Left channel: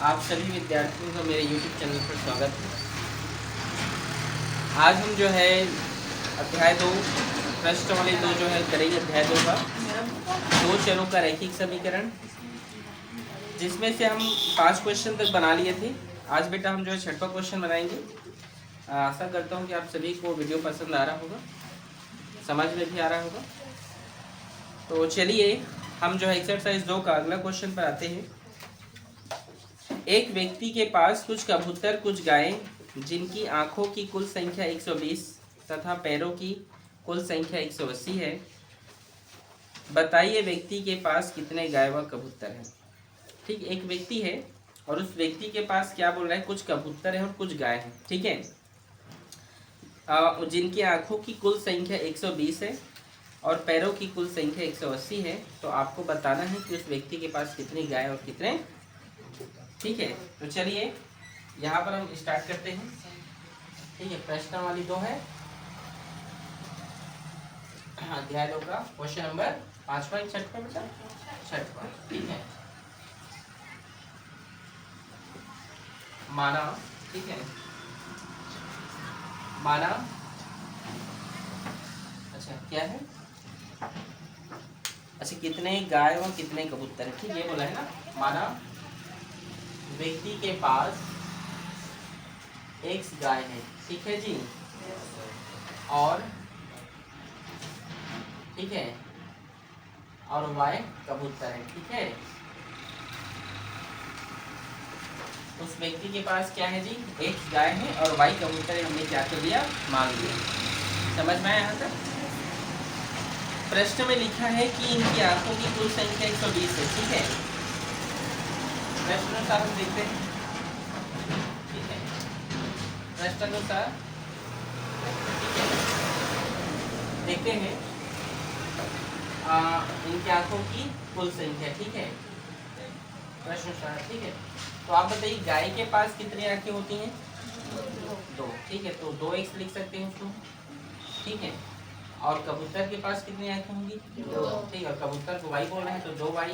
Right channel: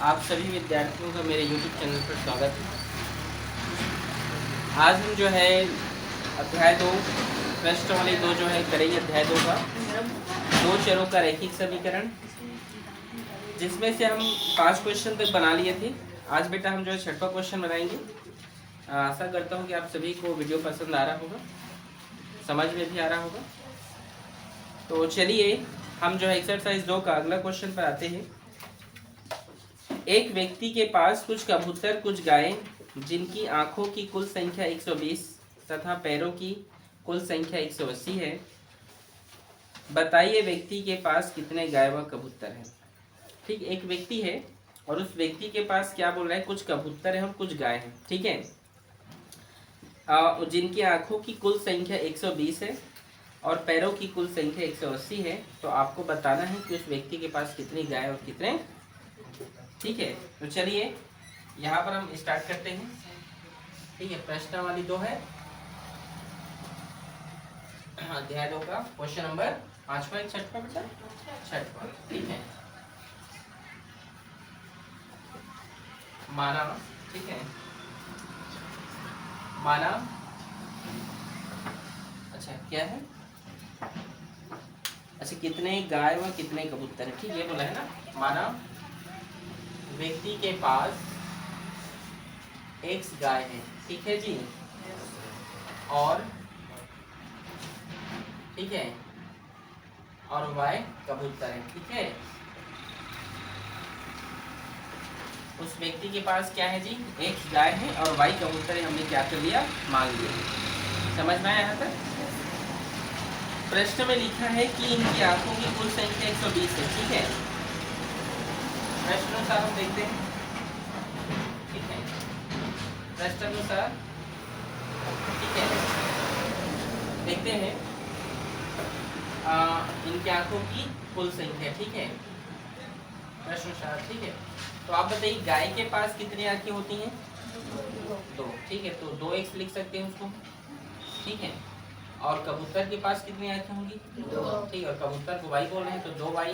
आप सभी विद्यार्थियों का मेरे YouTube चैनल पर स्वागत है। आज हम जो है अध्याय 2 प्रश्नावली 2 जो है करेंगे। अध्याय 2 का दो चरों का रैखिक समीकरण, जिसमें से हम 5 क्वेश्चन तक बना लिए थे। आज बेटा हम जो है 6वां क्वेश्चन बनाएंगे। आशा करता हूँ कि आप सभी को वीडियो पसंद आ रहा होगा, समझ में भी आ रहा होगा। तो चलिए हम जो है एक्सरसाइज 2 का अगला क्वेश्चन पर आते हैं। एक व्यक्ति के पास कुछ कबूतर, कुछ गायें, जिनकी आंखों की कुल संख्या 120 तथा पैरों की कुल संख्या 180 है। बताइए व्यक्ति के पास कितने गाय व कबूतर हैं। ठीक, एक व्यक्ति है और उस व्यक्ति के पास क्या बोल रहा है, कुछ कबूतर हैं और कुछ गाय हैं। ठीक है, जिनकी आंखों की कुल संख्या 120 है और पैरों की कुल संख्या 180 है। तो आपको बताना है कि उस व्यक्ति के पास कितनी गाय और कितने। ठीक है, तो चलिए यहाँ पर हम स्टार्ट करते हैं। ठीक है, प्रश्नावली 2 है, अध्याय 2 का क्वेश्चन नंबर 5वां 6वां बेटा 6वां। ठीक है, माना, ठीक है, माना, अच्छा क्या है, अच्छा कितने गाय व कितने कबूतर हैं। ठीक, ये बोला है ना। माना व्यक्ति के पास x गाय है, ठीक है जी, और ठीक है और y कबूतर है। ठीक है, उस व्यक्ति के पास क्या है जी, x गाय है और y कबूतर है। हमने क्या कर लिया, मान लिया। समझ में आया यहाँ तक। प्रश्न में लिखा है कि इनकी आंखों की कुल संख्या 120 है। ठीक है, प्रश्नानुसार हम देखते हैं। ठीक है, प्रश्नानुसार ठीक है देखते हैं इनकी आंखों की कुल संख्या। ठीक है, प्रश्नानुसार। ठीक है, तो आप बताइए गाय के पास कितनी आंखें होती हैं, 2। ठीक है, तो 2x लिख सकते हैं उसको। ठीक है, और कबूतर के पास कितनी आंखें होंगी, 2। ठीक, और कबूतर को y बोल रहे हैं तो 2y,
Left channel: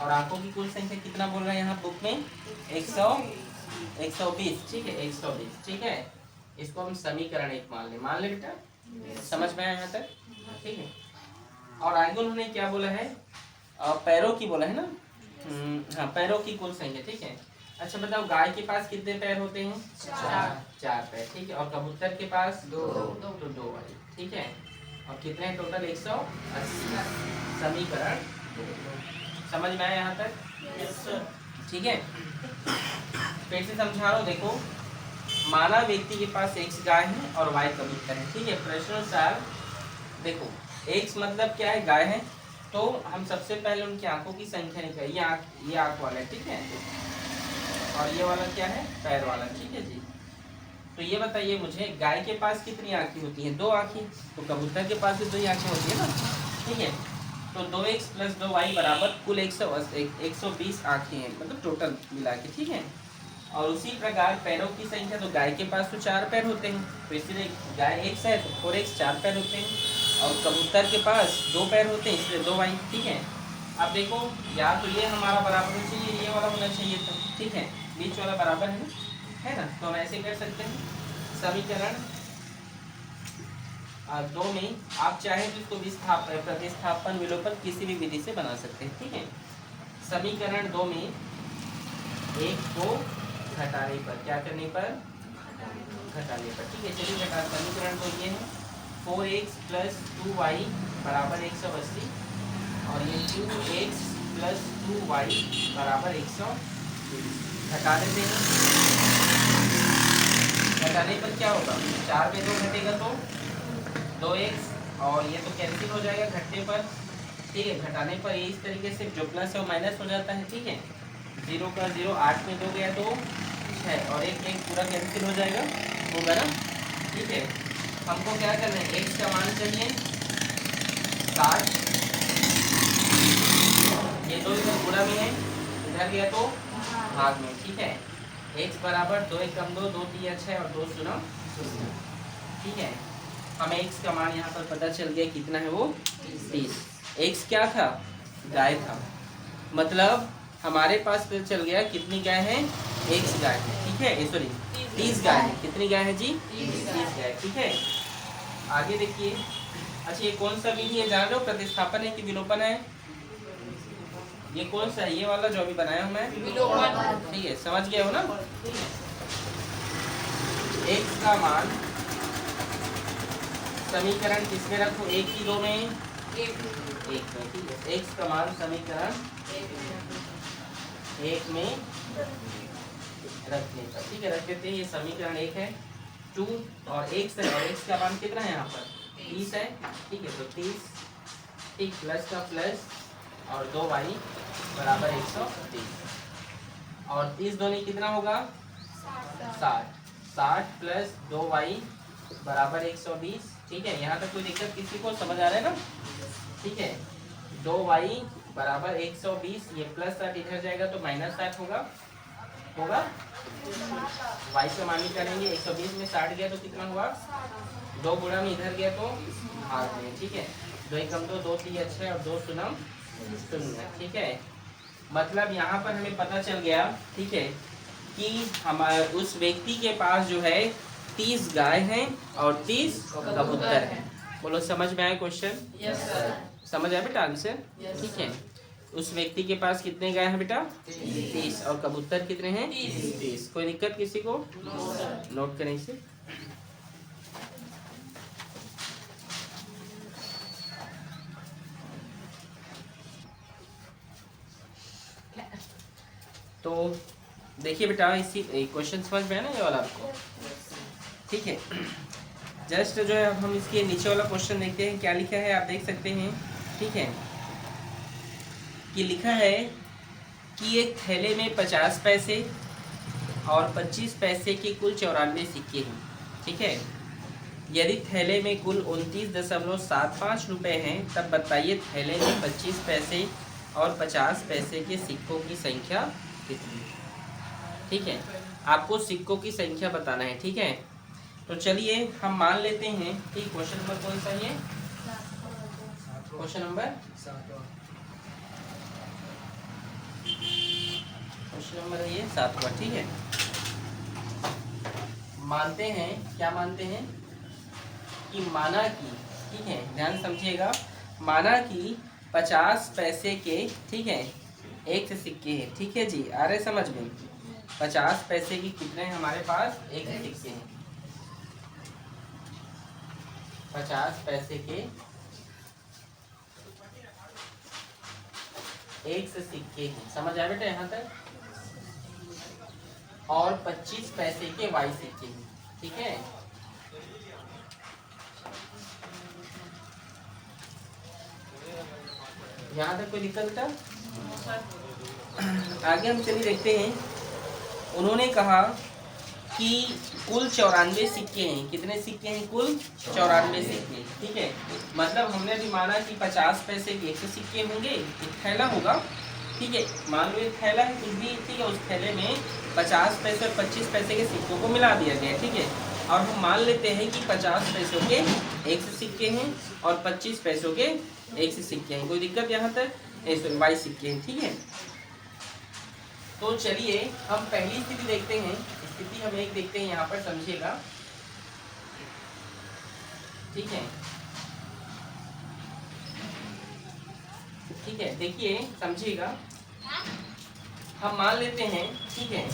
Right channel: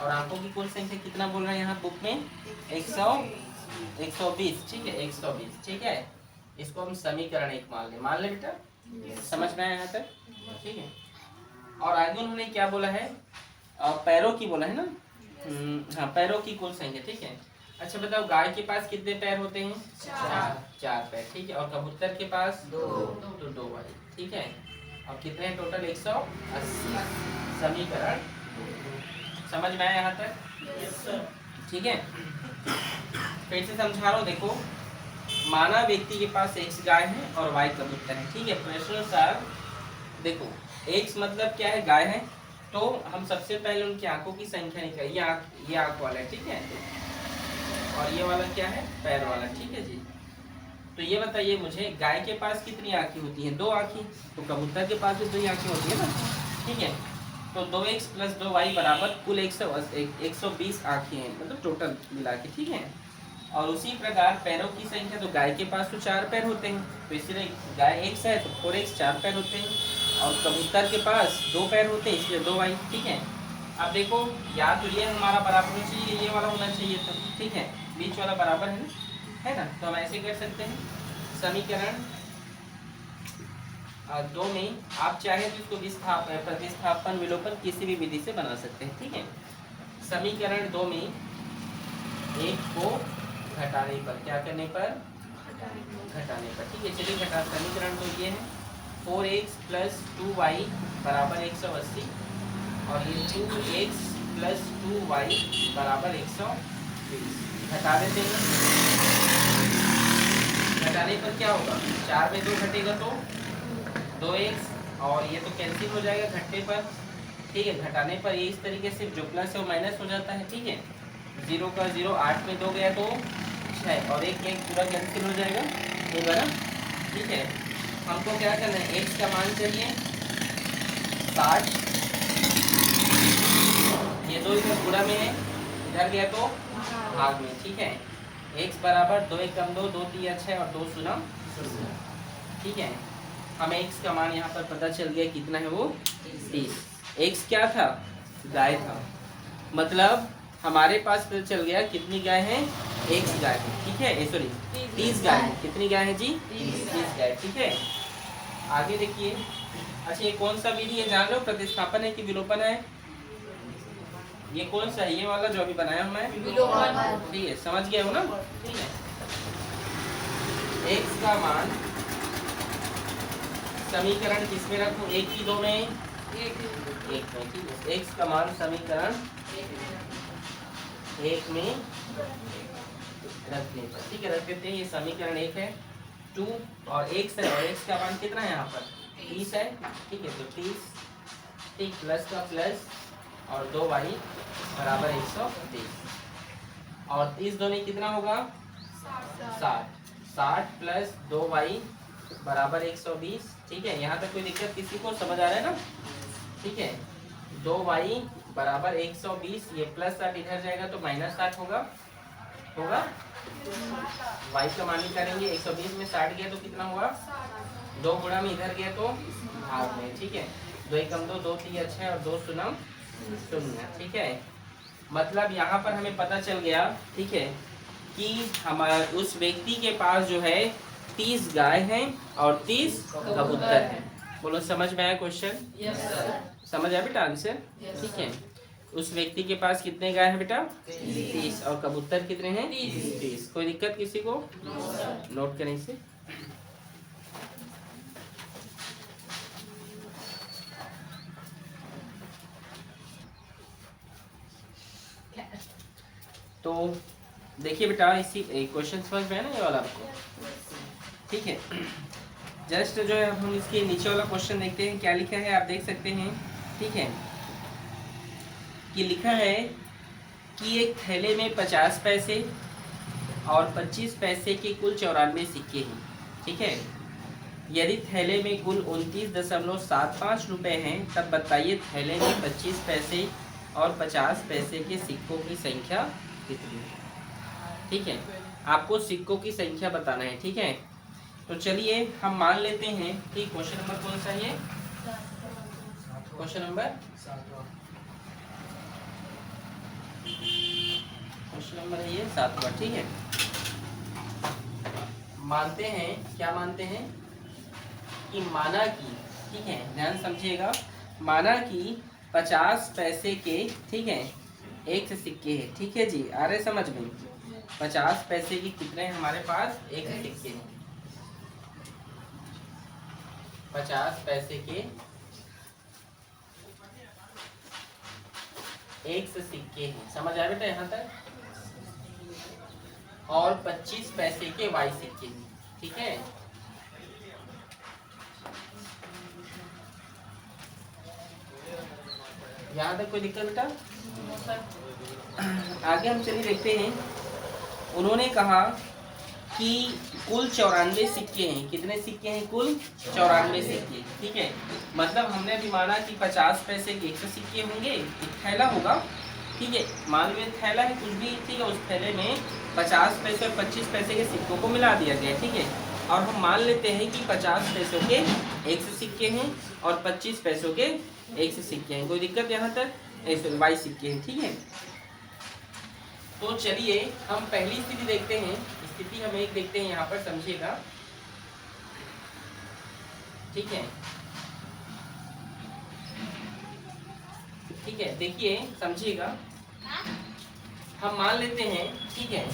और आंखों की कुल संख्या कितना बोल रहे हैं यहाँ बुक में, 120। ठीक है, 120। ठीक है, इसको हम समीकरण 1 मान ले बेटा। समझ में आया यहाँ तक। ठीक है, और आगे उन्होंने क्या बोला है, पैरों की बोला है ना। हाँ, पैरों की कुल संख्या। ठीक है, अच्छा बताओ गाय के पास कितने पैर होते हैं, 4 पैर। ठीक है, और कबूतर के पास 2, तो 2 वाली। ठीक है, और कितने टोटल, 180। समीकरण समझ में आया यहाँ तक। ठीक है, फिर से समझा रहा हूँ। देखो, माना व्यक्ति के पास x गाय है और y कबूतर है। ठीक है, प्रश्नानुसार देखो x मतलब क्या है, गाय है, तो हम सबसे पहले उनकी आंखों की संख्या निकालें। ये आंख वाला है। ठीक है, और ये वाला क्या है, पैर वाला। ठीक है जी, तो ये बताइए मुझे गाय के पास कितनी आंखें होती हैं, 2 आंखें, तो कबूतर के पास भी 2 ही आंखें होती है ना। ठीक है, तो 2x + 2y बराबर कुल 120 आंखें हैं, मतलब टोटल मिला के। ठीक है, और उसी प्रकार पैरों की संख्या, तो गाय के पास तो 4 पैर होते हैं, तो इसलिए गाय x है तो 4x 4 पैर होते हैं, और कबूतर के पास 2 पैर होते हैं, इसलिए 2y। ठीक है, अब देखो या तो ये हमारा बराबर होना चाहिए, ये वाला होना चाहिए था। ठीक है, बीच वाला बराबर है ना, तो हम ऐसे कर सकते हैं। समीकरण 2 में आप चाहे तो इसको प्रतिस्थापन विलोपन किसी भी विधि से बना सकते हैं। ठीक है, समीकरण 2 में 1 को घटाने पर, क्या करने पर, घटाने पर। ठीक है, चलिए घटा, समीकरण तो ये है 4x + 2y बराबर 180, और ये 2x + 2y बराबर 120। घटा देते हैं, घटाने पर क्या होगा, 4 में 2 घटेगा तो 2x, और ये तो कैंसिल हो जाएगा घटने पर। ठीक है, घटाने पर ये इस तरीके से जो प्लस और माइनस हो जाता है। ठीक है, 0 का 0, 8 में 2 गया तो 6, और 1 पूरा कैंसिल हो जाएगा, होगा ना। ठीक है, हमको क्या करना है, x का मान चाहिए 60, ये 2 इधर पूरा में है, इधर गया तो भाग में। ठीक है, x बराबर 2 × 2 2 × 3 = 6 और 2 × 0 0। ठीक है, हमें x का मान यहाँ पर पता चल गया कितना है, वो 30। x क्या था, गाय था, मतलब हमारे पास पता चल गया कितनी गाय हैं, 1 गाय है, ठीक है, सॉरी 30 गाय है। कितनी गाय है जी, 30 गाय, ठीक है। आगे देखिए, अच्छा ये कौन सा विधि है जान रहे हो, प्रतिस्थापन है कि विलोपन है? ये कौन सा है, ये वाला जो अभी बनाया हूं मैं, विलोपन, ठीक है, समझ गए हो ना। x का मान समीकरण किसमें रखूं, एक की दो में, एक में, ठीक है। x का मान समीकरण 1 में रखने पर, ठीक है, रख देते हैं। ये समीकरण 1 है, 2 और x है, और x का मान कितना है यहाँ पर, 30 है, ठीक है। तो 30, ठीक, प्लस का प्लस और 2y बराबर 130, और 30 दोनों कितना होगा, 60, 60 प्लस 2y बराबर 120, ठीक है। यहाँ तक कोई दिक्कत किसी को, समझ आ रहा है ना, ठीक है। 2y बराबर 120, ये प्लस 60 इधर जाएगा तो माइनस 60 होगा, y का मान करेंगे, 120 में 60 गया तो कितना हुआ, 2 गुणा में इधर गया तो भाग में, ठीक है। 2 एकम 2, 2 3 अच्छे और 2 शून्य 0, ठीक है। मतलब यहाँ पर हमें पता चल गया, ठीक है, कि हमारे उस व्यक्ति के पास जो है 30 गाय हैं और 30 कबूतर हैं। बोलो समझ में आया क्वेश्चन? Yes sir. समझ आया बेटा आंसर? ठीक है। उस व्यक्ति के पास कितने गाय हैं बेटा? 30, और कबूतर कितने हैं? 30। कोई दिक्कत किसी को? नोट करें इसे। तो देखिए बेटा, इसी क्वेश्चन समझ में है ना ये वाला आपको? ठीक है। जस्ट जो है हम इसके नीचे वाला क्वेश्चन देखते हैं, क्या लिखा है आप देख सकते हैं। ठीक है, कि लिखा है कि एक थैले में 50 पैसे और 25 पैसे के कुल 94 सिक्के हैं। ठीक है, यदि थैले में कुल 29.75 रुपये हैं, तब बताइए थैले में 25 पैसे और 50 पैसे के सिक्कों की संख्या कितनी है। ठीक है, आपको सिक्कों की संख्या बताना है। ठीक है, तो चलिए हम मान लेते हैं कि क्वेश्चन नंबर कौन सा है? क्वेश्चन नंबर 7वां। ठीक है, मानते हैं, क्या मानते हैं कि माना कि, ठीक है, ध्यान समझिएगा, माना कि 50 पैसे के, ठीक है, एक सिक्के हैं। ठीक है जी, आ रहे समझ में? 50 पैसे के कितने हैं हमारे पास? एक सिक्के हैं। 50 पैसे के एक सिक्के हैं, समझ आया बेटा यहाँ तक? और 25 पैसे के वाई सिक्के हैं। ठीक है, यहाँ तक कोई दिक्कत बेटा? आगे हम चलिए देखते हैं। उन्होंने कहा कि कुल 94 सिक्के हैं। कितने सिक्के हैं? कुल 94 सिक्के। ठीक है, मतलब हमने अभी माना कि 50 पैसे के 100 सिक्के होंगे, एक थैला होगा। ठीक है, मान लो थैला है कुछ भी, ठीक है, उस थैले में 50 पैसे और 25 पैसे के सिक्कों को मिला दिया गया। ठीक है, और हम मान लेते हैं कि 50 पैसों के 100 सिक्के हैं और 25 पैसों के 100 सिक्के हैं। कोई दिक्कत यहाँ तक? 22 सिक्के हैं। ठीक है, तो चलिए हम पहली स्थिति देखते हैं। स्थिति हम एक देखते हैं यहाँ पर, समझिएगा। ठीक है, ठीक है, देखिए समझिएगा। हम मान लेते हैं, ठीक है,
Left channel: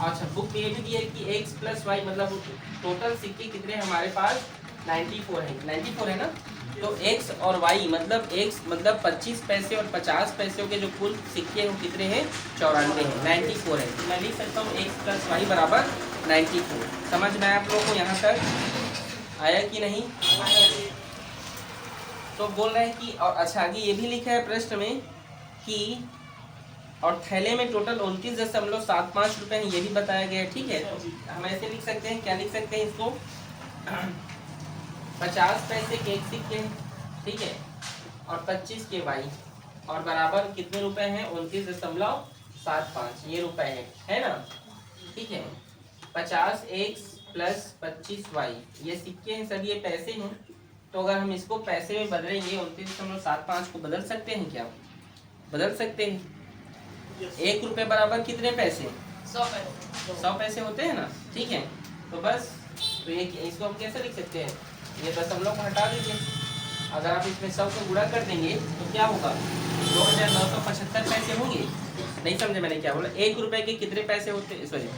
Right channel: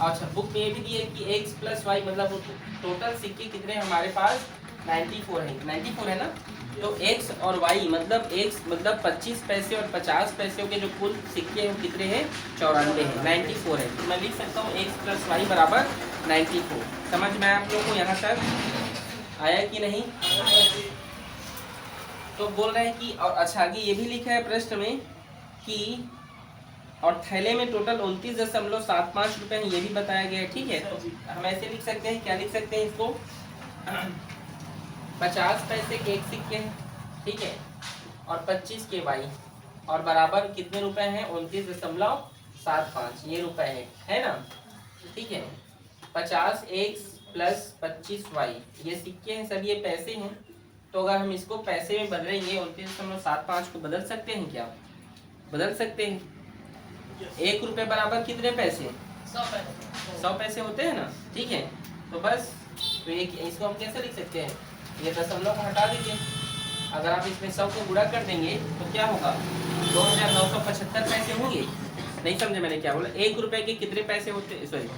अच्छा बुक में ये भी दिया है कि x प्लस वाई, मतलब टोटल सिक्के कितने हैं हमारे पास? 94 है। 94 है ना? तो x और y मतलब x मतलब 25 पैसे और 50 पैसे के जो कुल सिक्के हैं वो कितने हैं? 94 हैं, 94 है। तो मैं लिख सकता हूँ x प्लस वाई बराबर 94। समझ में आया आप लोगों को यहाँ तक? आया कि नहीं? तो बोल रहे हैं कि, और अच्छा आगे ये भी लिखा है प्रश्न में कि और थैले में टोटल 29.75 रुपये हैं, ये भी बताया गया है। ठीक है, तो हम ऐसे लिख सकते हैं, क्या लिख सकते हैं इसको? 50 पैसे के एक सिक्के हैं, ठीक है, और 25 के वाई, और बराबर कितने रुपए हैं? 29.75 ये रुपए है ना? ठीक है, 50 x प्लस 25 वाई, ये सिक्के हैं, सब ये पैसे हैं। तो अगर हम इसको पैसे में बदलेंगे, 29.75 को बदल सकते हैं क्या? बदल सकते हैं। 1 रुपये बराबर कितने पैसे? 100 पैसे होते हैं ना, ठीक है। तो बस तो ये इसको हम कैसे लिख सकते हैं, ये दशमलव को हटा दीजिए। अगर आप इसमें 100 को गुणा कर देंगे तो क्या होगा, 2975 पैसे होंगे। नहीं समझे मैंने क्या बोला? 1 रुपए के कितने पैसे होते, सॉरी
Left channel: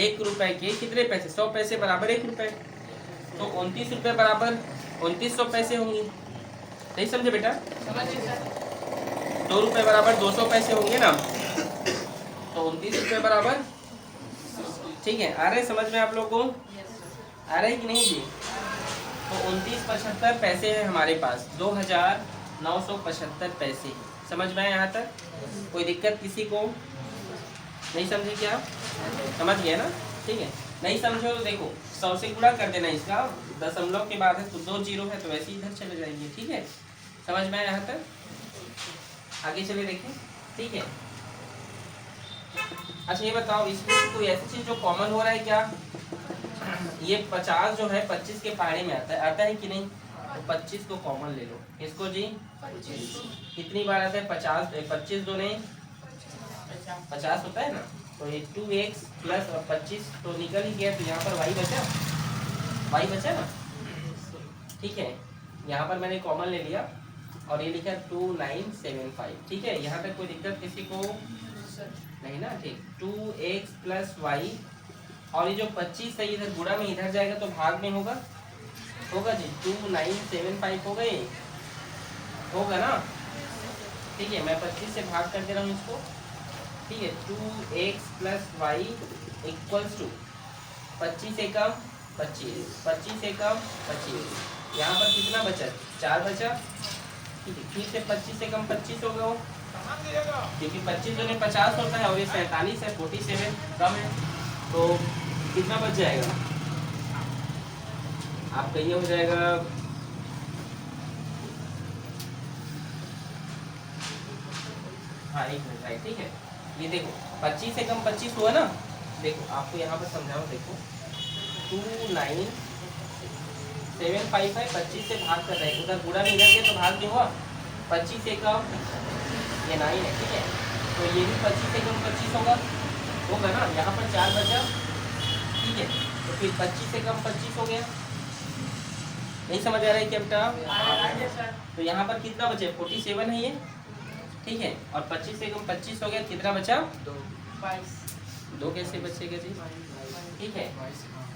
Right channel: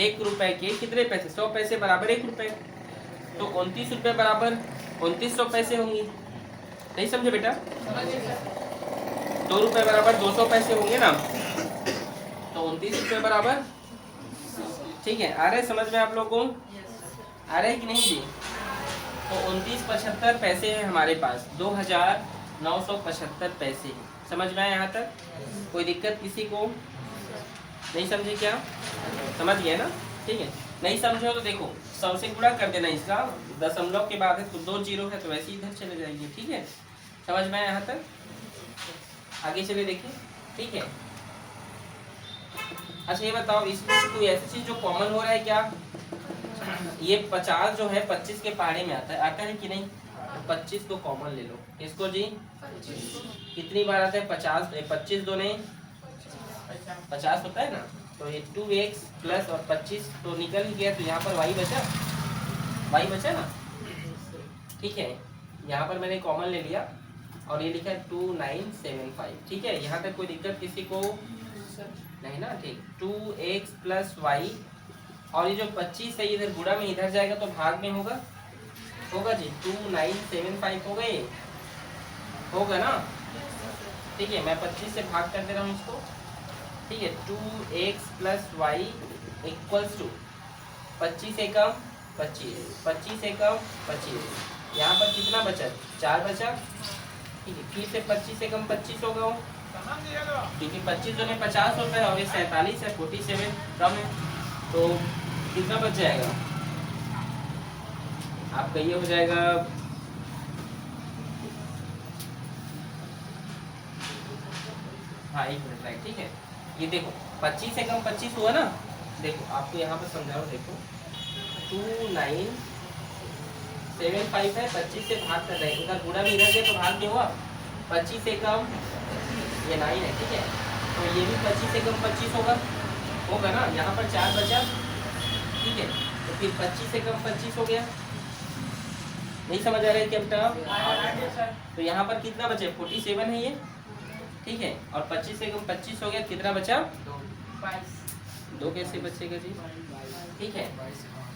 1 रुपए के कितने पैसे? 100 पैसे बराबर 1 रुपए, तो 29 रुपये बराबर 2900 पैसे होंगे। नहीं समझे बेटा? 2 रुपये बराबर 200 पैसे होंगे ना, तो 29 रुपये बराबर, ठीक है। आ रहे समझ में आप लोगों को? आ रहे कि नहीं जी? तो 29.75 पैसे हैं हमारे पास, 2975 पैसे। समझ में आए यहाँ तक? कोई दिक्कत किसी को? नहीं समझे क्या? समझ गए ना, ठीक है। नहीं समझे तो देखो 100 से गुणा कर देना इसका, दशमलव के बाद है तो 2 जीरो है तो वैसे ही इधर चले जाएंगे, ठीक है। समझ में आए यहाँ तक? आगे चले देखें, ठीक है। अच्छा ये बताओ, इसमें कोई ऐसी चीज जो कॉमन हो रहा है क्या? ये 50 जो है 25 के पहाड़े में आता है कि नहीं? तो 25 को कॉमन ले लो, इसको जी 25 कितनी बार आता है? 50, 25 दूने 50 होता है ना, तो ये 2x प्लस और 25 तो निकल ही गया, तो यहाँ पर y बचा ना, ठीक है। यहाँ पर मैंने कॉमन ले लिया और ये लिखा 2975, ठीक है। यहाँ तक कोई दिक्कत किसी को नहीं ना, ठीक। 2x प्लस y, और ये जो 25 है इधर गुणा में इधर जाएगा तो भाग में होगा जी, 2975 हो गए, होगा ना, ठीक है। मैं 25 से भाग कर दे रहा हूँ इसको, ठीक है। 2x plus Y equals to 25 एकम 25, 25 एकम 25, यहाँ पर कितना बचा? 4 बचा, ठीक है। फिर से 25 एकम 25 होगा, क्योंकि 25 जो है 50 होता है और ये 47 है, 47 कम है, तो कितना बच जाएगा आपका? ये हो जाएगा हाँ 1 मिनट, राइट, ठीक है। ये देखो 25 एकम 25 हुआ ना, देखो आपको यहाँ पर समझाओ, देखो 2975 है, 25 से भाग कर रहे हैं, उधर गुणा में इधर गया तो भाग में हुआ, 25 एकम ये 9 है, ठीक है। तो ये भी 25 एकम 25 होगा ना, यहाँ पर 4 बचा, ठीक है। तो फिर 25 एकम 25 हो गया। नहीं समझ आ रहा है क्या बेटा? तो यहाँ पर कितना बचे? 47 है ये, ठीक है। और 25 एकम 25 हो गया, कितना बचा? 2 कैसे बचेगा जी? ठीक है,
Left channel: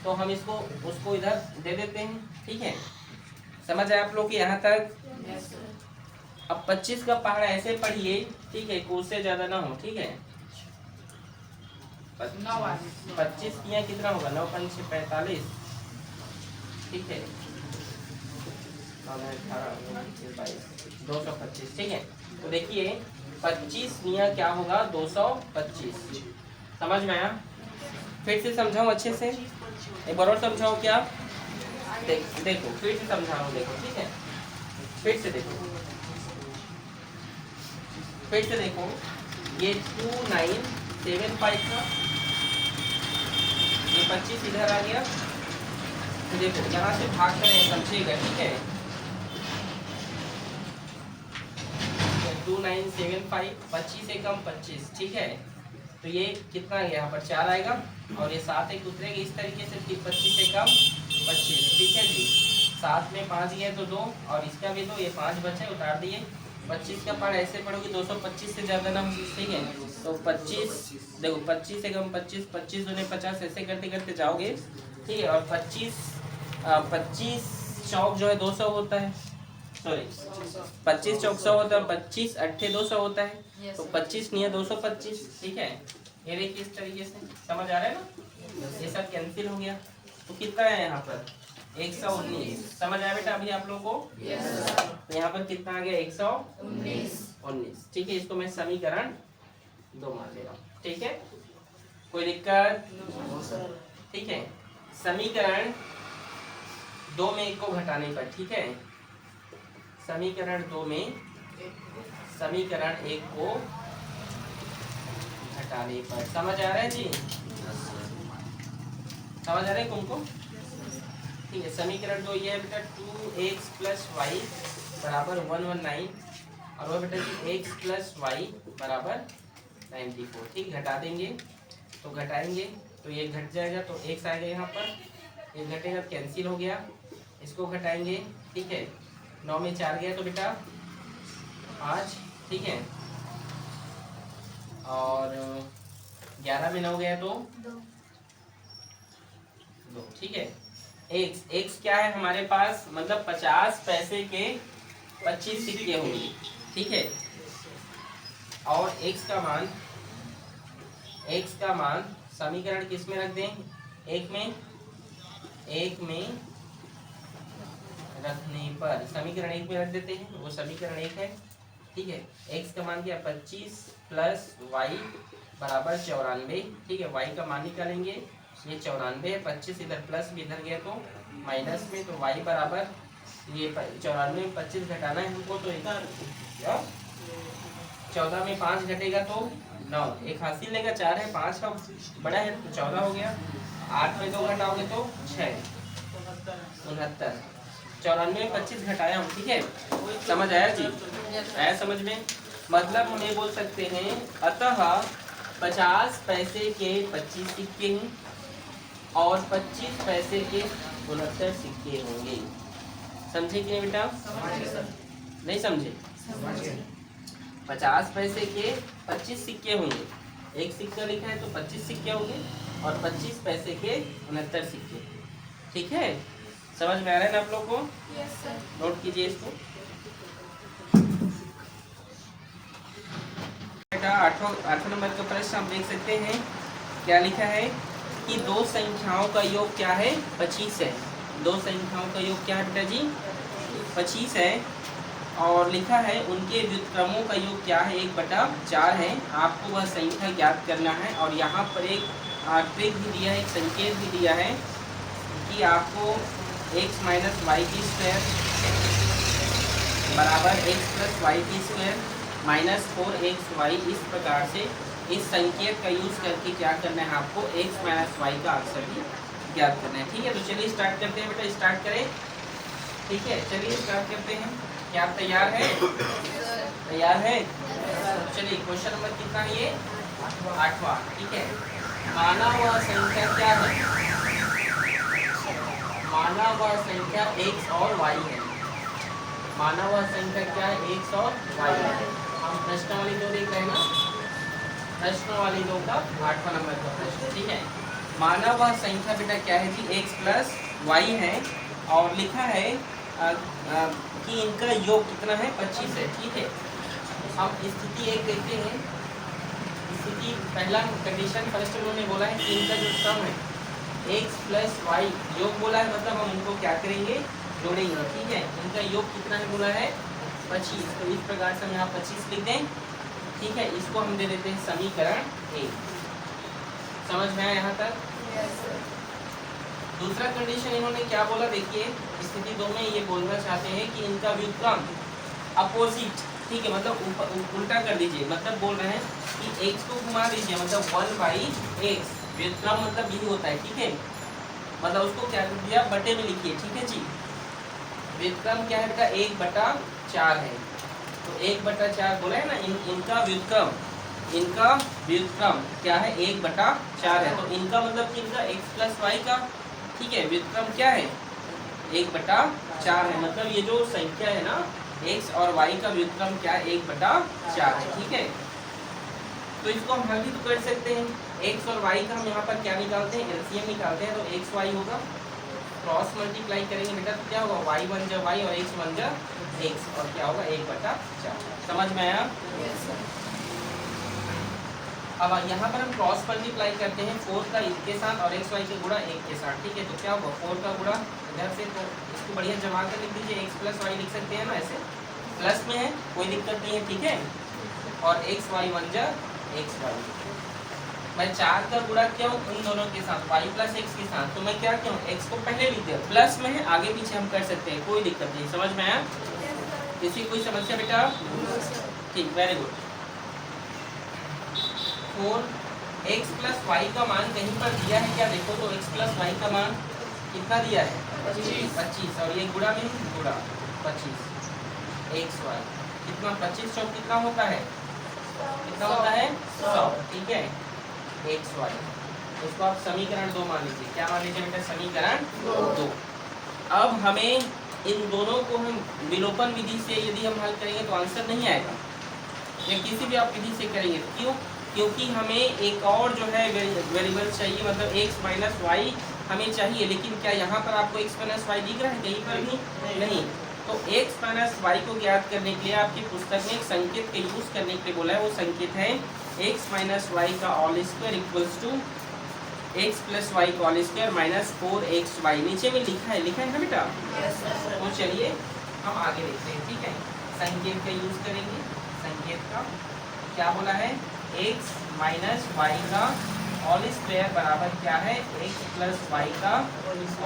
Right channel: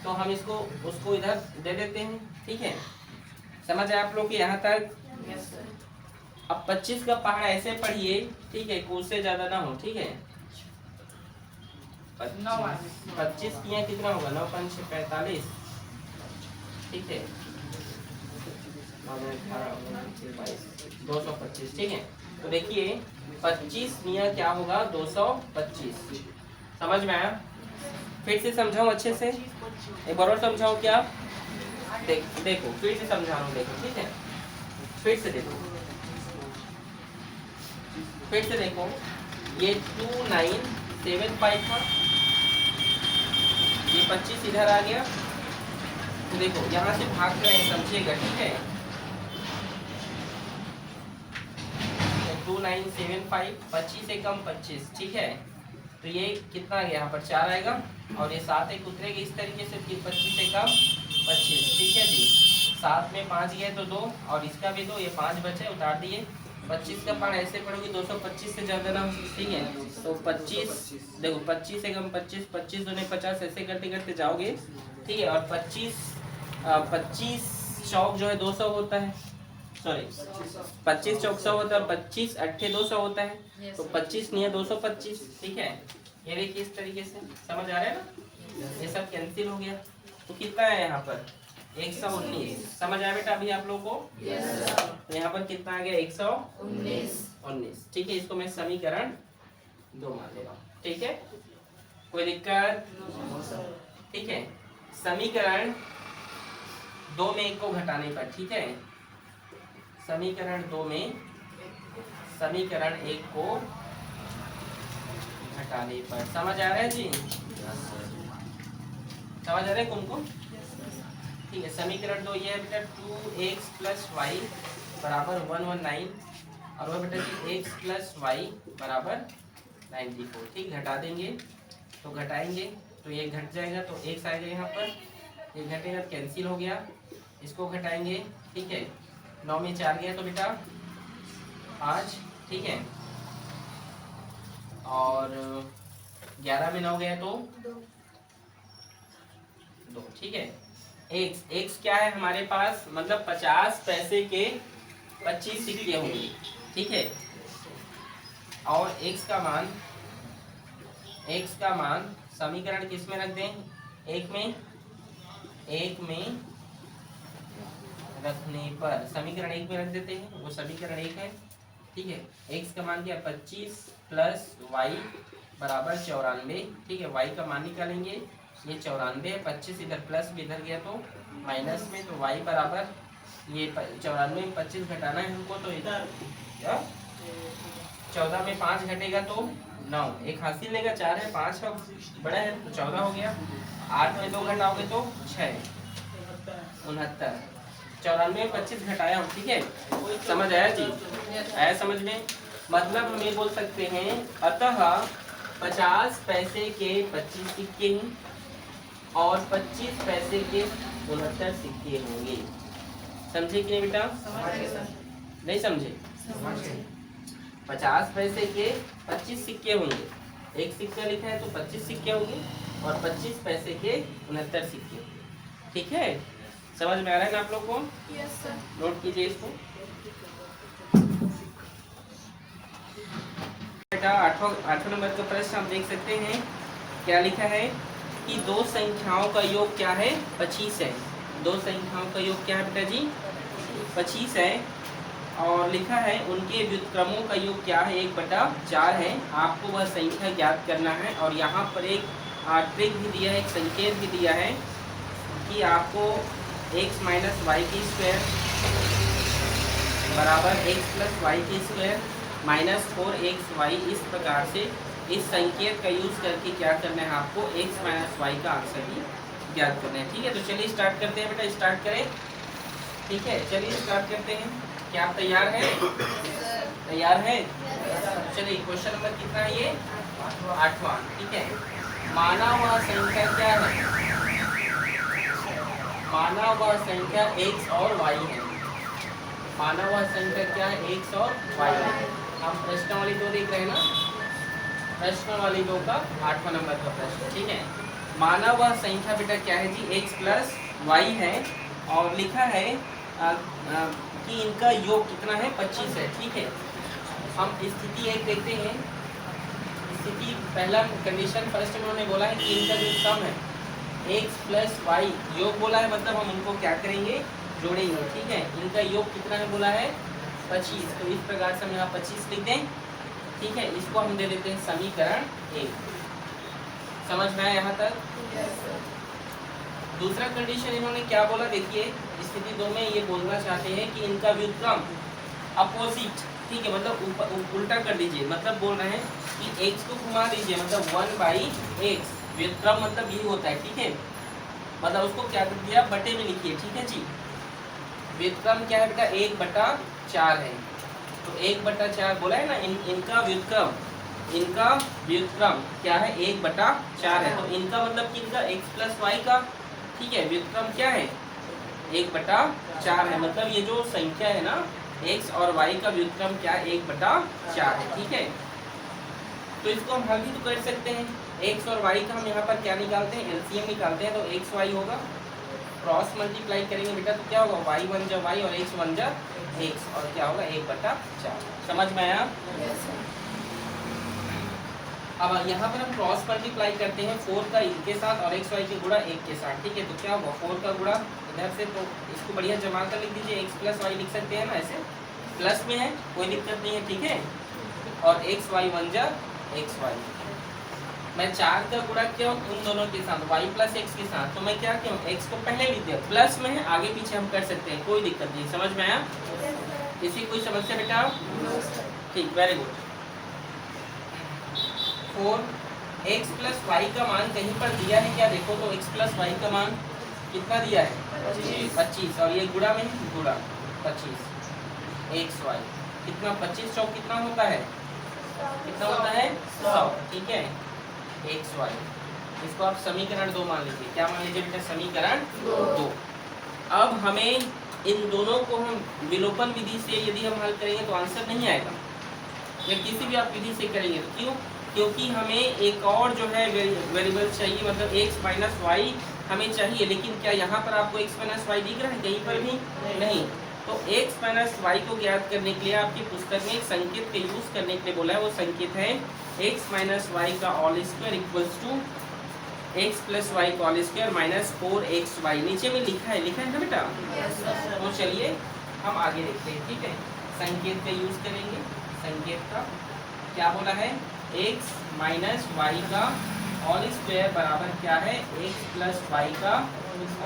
तो हम इसको उसको इधर दे देते हैं, ठीक है। समझ आए आप लोग यहाँ तक? अब 25 का पहाड़ा ऐसे पढ़िए, ठीक है, कोस से ज्यादा ना हो, ठीक है। 25 किया कितना होगा? 9 5 45, ठीक है, 225, ठीक है। तो देखिए 25 निया क्या होगा? 225। समझ में आया? फिर से समझाऊं अच्छे से, एक बार और समझाओ क्या? देखो फिर से समझा रहा हूँ, देखो, ठीक है। फिर से देखो, ये 2975 था, ये 25 इधर आ गया, तो देखो यहाँ से भाग करें, समझिएगा, ठीक है। 2975, 25 एकम 25, ठीक है। तो ये कितना आ गया? यहाँ पर 4 आएगा और ये 7 एक उतरेगी इस तरीके से, फिर 25 एकम 25, ठीक है जी। 7 में 5 गए तो 2, और इसका भी 2, ये 5 बचे, उतार दिए। 25 का पढ़ ऐसे पढ़ोगे 225 से ज्यादा ना, ठीक है। तो 25 देखो, 25 एकम 25, 25 दूने 50, ऐसे करते करते जाओगे, ठीक है। और 25 चौक जो है 200 होता है, सॉरी 25 चौक 100 होता है, 25 अट्ठे 200 होता है, तो 25 नहीं है 225, ठीक है। ये देखिए इस तरीके से, समझ आ रहा है ना? ये सब कैंसिल हो गया, तो कितना है यहाँ पर? 119। समझ आया बेटा अभी आप लोगों को? तो यहाँ पर कितना आ गया? 119, ठीक है। इसको मैं समीकरण 2 मान ले रहा हूँ, ठीक है। कोई दिक्कत? ठीक है। समीकरण 2 में 1 को घटाने पर, ठीक है, समीकरण 2 में समीकरण 1 को घटाने पर, समझ आ रहा है जी? समझ आ रहा है तुमको? ठीक है। समीकरण 2 ये है बेटा, 2x प्लस वाई बराबर 119, और वह बेटा जी x प्लस वाई बराबर 94। ठीक, घटा देंगे तो घटाएंगे तो ये घट जाएगा तो x आएगा यहाँ पर, ये घटेगा कैंसिल हो गया, इसको घटाएंगे। ठीक है, 9 में 4 गया तो बेटा 5। ठीक है, और 11 में 9 गया तो 2। ठीक है, x क्या है हमारे पास, मतलब 50 पैसे के 25 सिक्के होंगे। ठीक है, और x का मान समीकरण किस में रख दें, एक में रखने पर समीकरण 1 में रख देते हैं, वो समीकरण 1 है। ठीक है, x का मान क्या 25 प्लस वाई बराबर 94। ठीक है, y का मान निकालेंगे, ये 94 है, 25 इधर प्लस भी इधर गया तो माइनस में, तो y बराबर ये 94 में 25 घटाना है हमको, तो इधर 14 में 5 घटेगा तो 9, एक हासिल लेगा 4 है, 5 का बड़ा है तो 14 हो गया, 8 में 2 घटाओगे तो 6, 69। 94 में 25 घटाया हूँ। ठीक है, समझ आया जी, आया समझ में, मतलब हम ये बोल सकते हैं अतः 50 पैसे के 25 सिक्के हैं और 25 पैसे के 69 सिक्के होंगे। समझे कि नहीं बेटा, नहीं समझे? 50 पैसे के 25 सिक्के होंगे, एक सिक्का लिखा है तो 25 सिक्के होंगे और 25 पैसे के 69 सिक्के। ठीक है, समझ में आ रहा है ना आप लोग को? Yes sir. नोट कीजिए इसको बेटा। 8वां नंबर का प्रश्न हम देख सकते हैं, क्या लिखा है कि दो संख्याओं का योग क्या है 25 है। दो संख्याओं का योग क्या है बेटा जी 25 है, और लिखा है उनके व्युत्क्रमों का योग क्या है 1/4 है। आपको वह संख्या ज्ञात करना है, और यहाँ पर एक ट्रिक भी दिया है, एक संकेत भी दिया है कि आपको x माइनस वाई की स्क्वायर बराबर x प्लस वाई की स्क्वायर माइनस 4xy, इस प्रकार से इस संकेत का यूज करके क्या करना है आपको x माइनस वाई का आंसर भी ज्ञात करना है। ठीक है, तो चलिए स्टार्ट करते हैं बेटा, स्टार्ट करें। ठीक है, चलिए स्टार्ट करते हैं। क्या आप तैयार हैं? तैयार हैं? चलिए क्वेश्चन नंबर कितना है ये 8वां। ठीक है, माना वह संख्या क्या है, माना वह संख्या x और y है। माना वह संख्या क्या है x और y है। हम प्रश्न वाली 2 देख रहे हैं ना, प्रश्न वाली 2 का 8वां नंबर का प्रश्न। ठीक है, माना वह संख्या बेटा क्या है जी x प्लस वाई है, और लिखा है कि इनका योग कितना है 25 है। ठीक है, हम स्थिति 1 देखते हैं। स्थिति पहला कंडीशन फर्स्ट उन्होंने बोला है कि इनका जो सम है x प्लस वाई योग बोला है, मतलब हम उनको क्या करेंगे जोड़ेंगे। ठीक है, इनका योग कितना है बोला है 25, तो इस प्रकार से हम यहाँ 25 लिख दें। ठीक है, इसको हम दे देते हैं समीकरण 1। समझ में आया यहाँ तक? दूसरा कंडीशन इन्होंने क्या बोला, देखिए स्थिति 2 में ये बोलना चाहते हैं कि इनका व्युत्क्रम अपोजिट। ठीक है, मतलब उल्टा कर दीजिए, मतलब बोल रहे हैं कि x को घुमा दीजिए, मतलब 1/x। व्युत्क्रम मतलब यही होता है। ठीक है, मतलब उसको क्या कर दिया बटे में लिखिए। ठीक है जी, व्युत्क्रम क्या है बेटा 1/4 है, तो 1/4 बोला है ना, इनका व्युत्क्रम क्या है 1/4 है, तो इनका मतलब कि इनका x प्लस वाई का ठीक है व्युत्क्रम क्या है 1/4 है, मतलब ये जो संख्या है ना x और y का व्युत्क्रम क्या है 1/4 है। ठीक है, तो इसको हम हल भी तो कर सकते हैं। x और y का हम यहाँ पर क्या निकालते हैं एलसीएम निकालते हैं, तो x y होगा, क्रॉस मल्टीप्लाई करेंगे बेटा तो क्या होगा y 1 जा y और x 1 जा x, और क्या होगा 1/4। समझ में आया? अब यहाँ पर हम क्रॉस मल्टीप्लाई करते हैं 4 का इसके साथ और x y के गुणा 1 के साथ। ठीक है, तो क्या होगा 4 का गुणा इधर से, तो इसको बढ़िया जमा कर लिख दीजिए, x प्लस वाई लिख सकते हैं ना, ऐसे प्लस में है कोई दिक्कत नहीं है। ठीक है, और x y 1 जा x y, मैं 4 का गुणा किया हूँ उन दोनों के साथ y प्लस x के साथ, तो मैं क्या किया हूँ x को पहले लिख दिया, प्लस में है आगे पीछे हम कर सकते हैं, कोई दिक्कत नहीं। समझ में आया? किसी कोई समस्या बेटा? ठीक, very good. 4x plus y का मान कहीं पर दिया है क्या, देखो तो x प्लस वाई का मान कितना दिया है 25, और ये गुणा में गुणा 25 x y, कितना 25 चौक कितना होता है, कितना होता है 100, ठीक है एक्स वाई। इसको आप समीकरण 2 मान लीजिए, क्या मान लीजिए बेटा, समीकरण 2। अब हमें इन दोनों को हम विलोपन विधि से यदि हम हल करेंगे तो आंसर नहीं आएगा, या किसी भी आप विधि से करेंगे तो क्यों, क्योंकि हमें एक और जो है वेरिएबल चाहिए, मतलब x माइनस वाई हमें चाहिए। लेकिन क्या यहाँ पर आपको x माइनस वाई दिख रहा है कहीं पर भी नहीं। तो x माइनस वाई को ज्ञात करने के लिए आपकी पुस्तक में एक संकेत का यूज करने के लिए बोला है, वो संकेत है x माइनस वाई का all square equals to x plus y का ऑल स्क्वायर माइनस 4xy। नीचे में लिखा है ना बेटा। तो चलिए हम आगे देखते हैं, ठीक है। संकेत का यूज करेंगे, संकेत का क्या बोला है, x माइनस वाई का ऑल स्क्वायर बराबर क्या है, x प्लस वाई का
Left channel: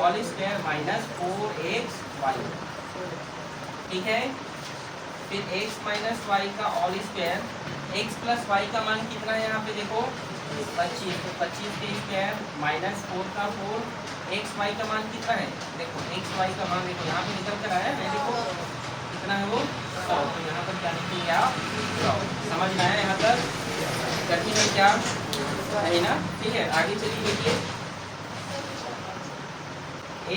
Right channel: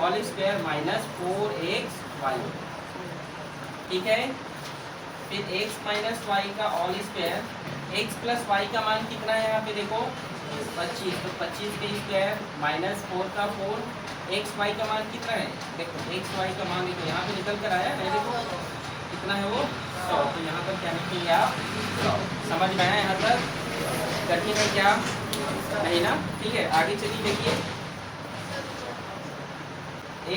ऑल स्क्वायर माइनस 4xy, ठीक है। फिर x माइनस वाई का all square, x plus y का मान कितना है यहाँ पे देखो 25, तो 25 के स्क्वायर माइनस 4 का 4, एक्स वाई का मान कितना है देखो, एक्स वाई का मान देखो यहाँ पे निकल कर आया है, देखो कितना है वो 100। तो यहाँ पर क्या लिखेंगे आप 100। समझ में आया यहाँ तक, कठिन है क्या नहीं ना, ठीक है। आगे चलिए देखिए,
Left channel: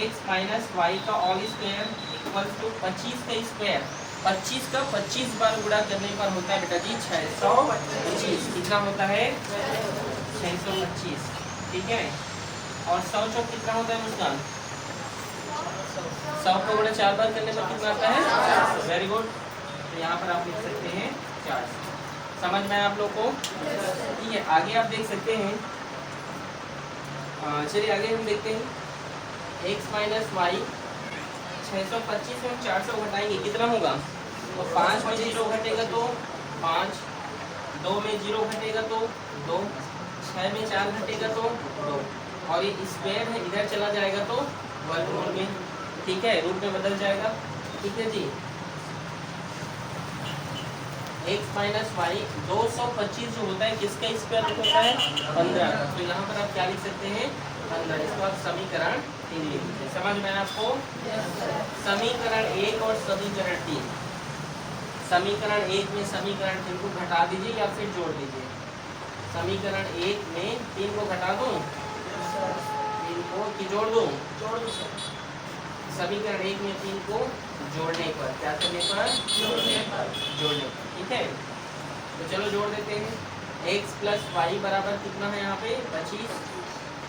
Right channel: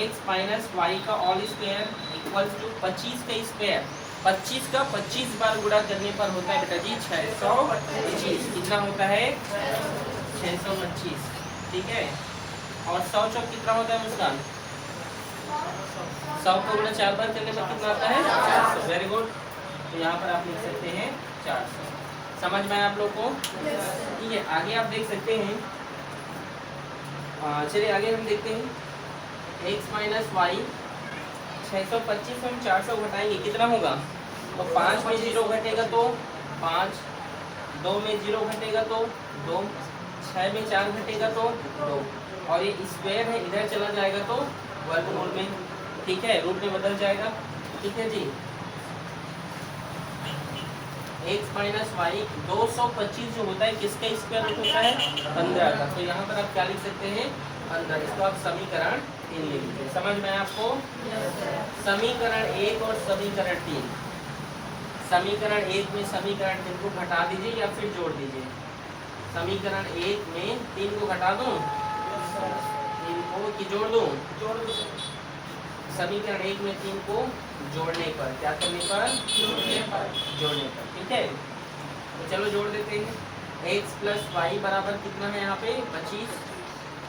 एक्स माइनस वाई का ऑल स्क्वायर इक्वल टू 25 का स्क्वायर, 25 का 25 बार गुणा करने पर होता है बेटा जी 625। कितना होता है 625, ठीक है। और 100 चौक कितना होता है मुस्कान, 100 को गुणा 4 बार करने पर कितना आता है 400। Very good. तो यहाँ पर आप लिख सकते हैं 400। समझ में आया आप लोग को, ठीक है। आगे आप देख सकते हैं, चलिए आगे हम देखते हैं, x माइनस वाई 625 में हम 400 घटाएंगे कितना होगा, तो 5 में 0 घटेगा तो 5, 2 में 0 घटेगा तो 2, 6 में 4 घटेगा तो 2, और ये स्क्वायर है इधर चला जाएगा तो वर्गमूल में, ठीक है, रूट में बदल जाएगा, ठीक है जी। x माइनस वाई 225 जो होता है किसका स्क्वायर होता है 15 का, तो यहाँ पर आप क्या लिख सकते हैं 15। इसको आप समीकरण 3 लिख लीजिए। समझ में आया आपको, समीकरण 1 और समीकरण 3, समीकरण 1 में समीकरण 3 को घटा दीजिए या फिर जोड़ दीजिए। समीकरण 1 में 3 को घटा दूं, 3 को कि जोड़ दूं, समीकरण 1 में 3 को जोड़ने पर, क्या करने पर, जोड़ने पर, ठीक है। तो चलो जोड़ देते हैं। x प्लस वाई बराबर कितना है यहाँ पे 25,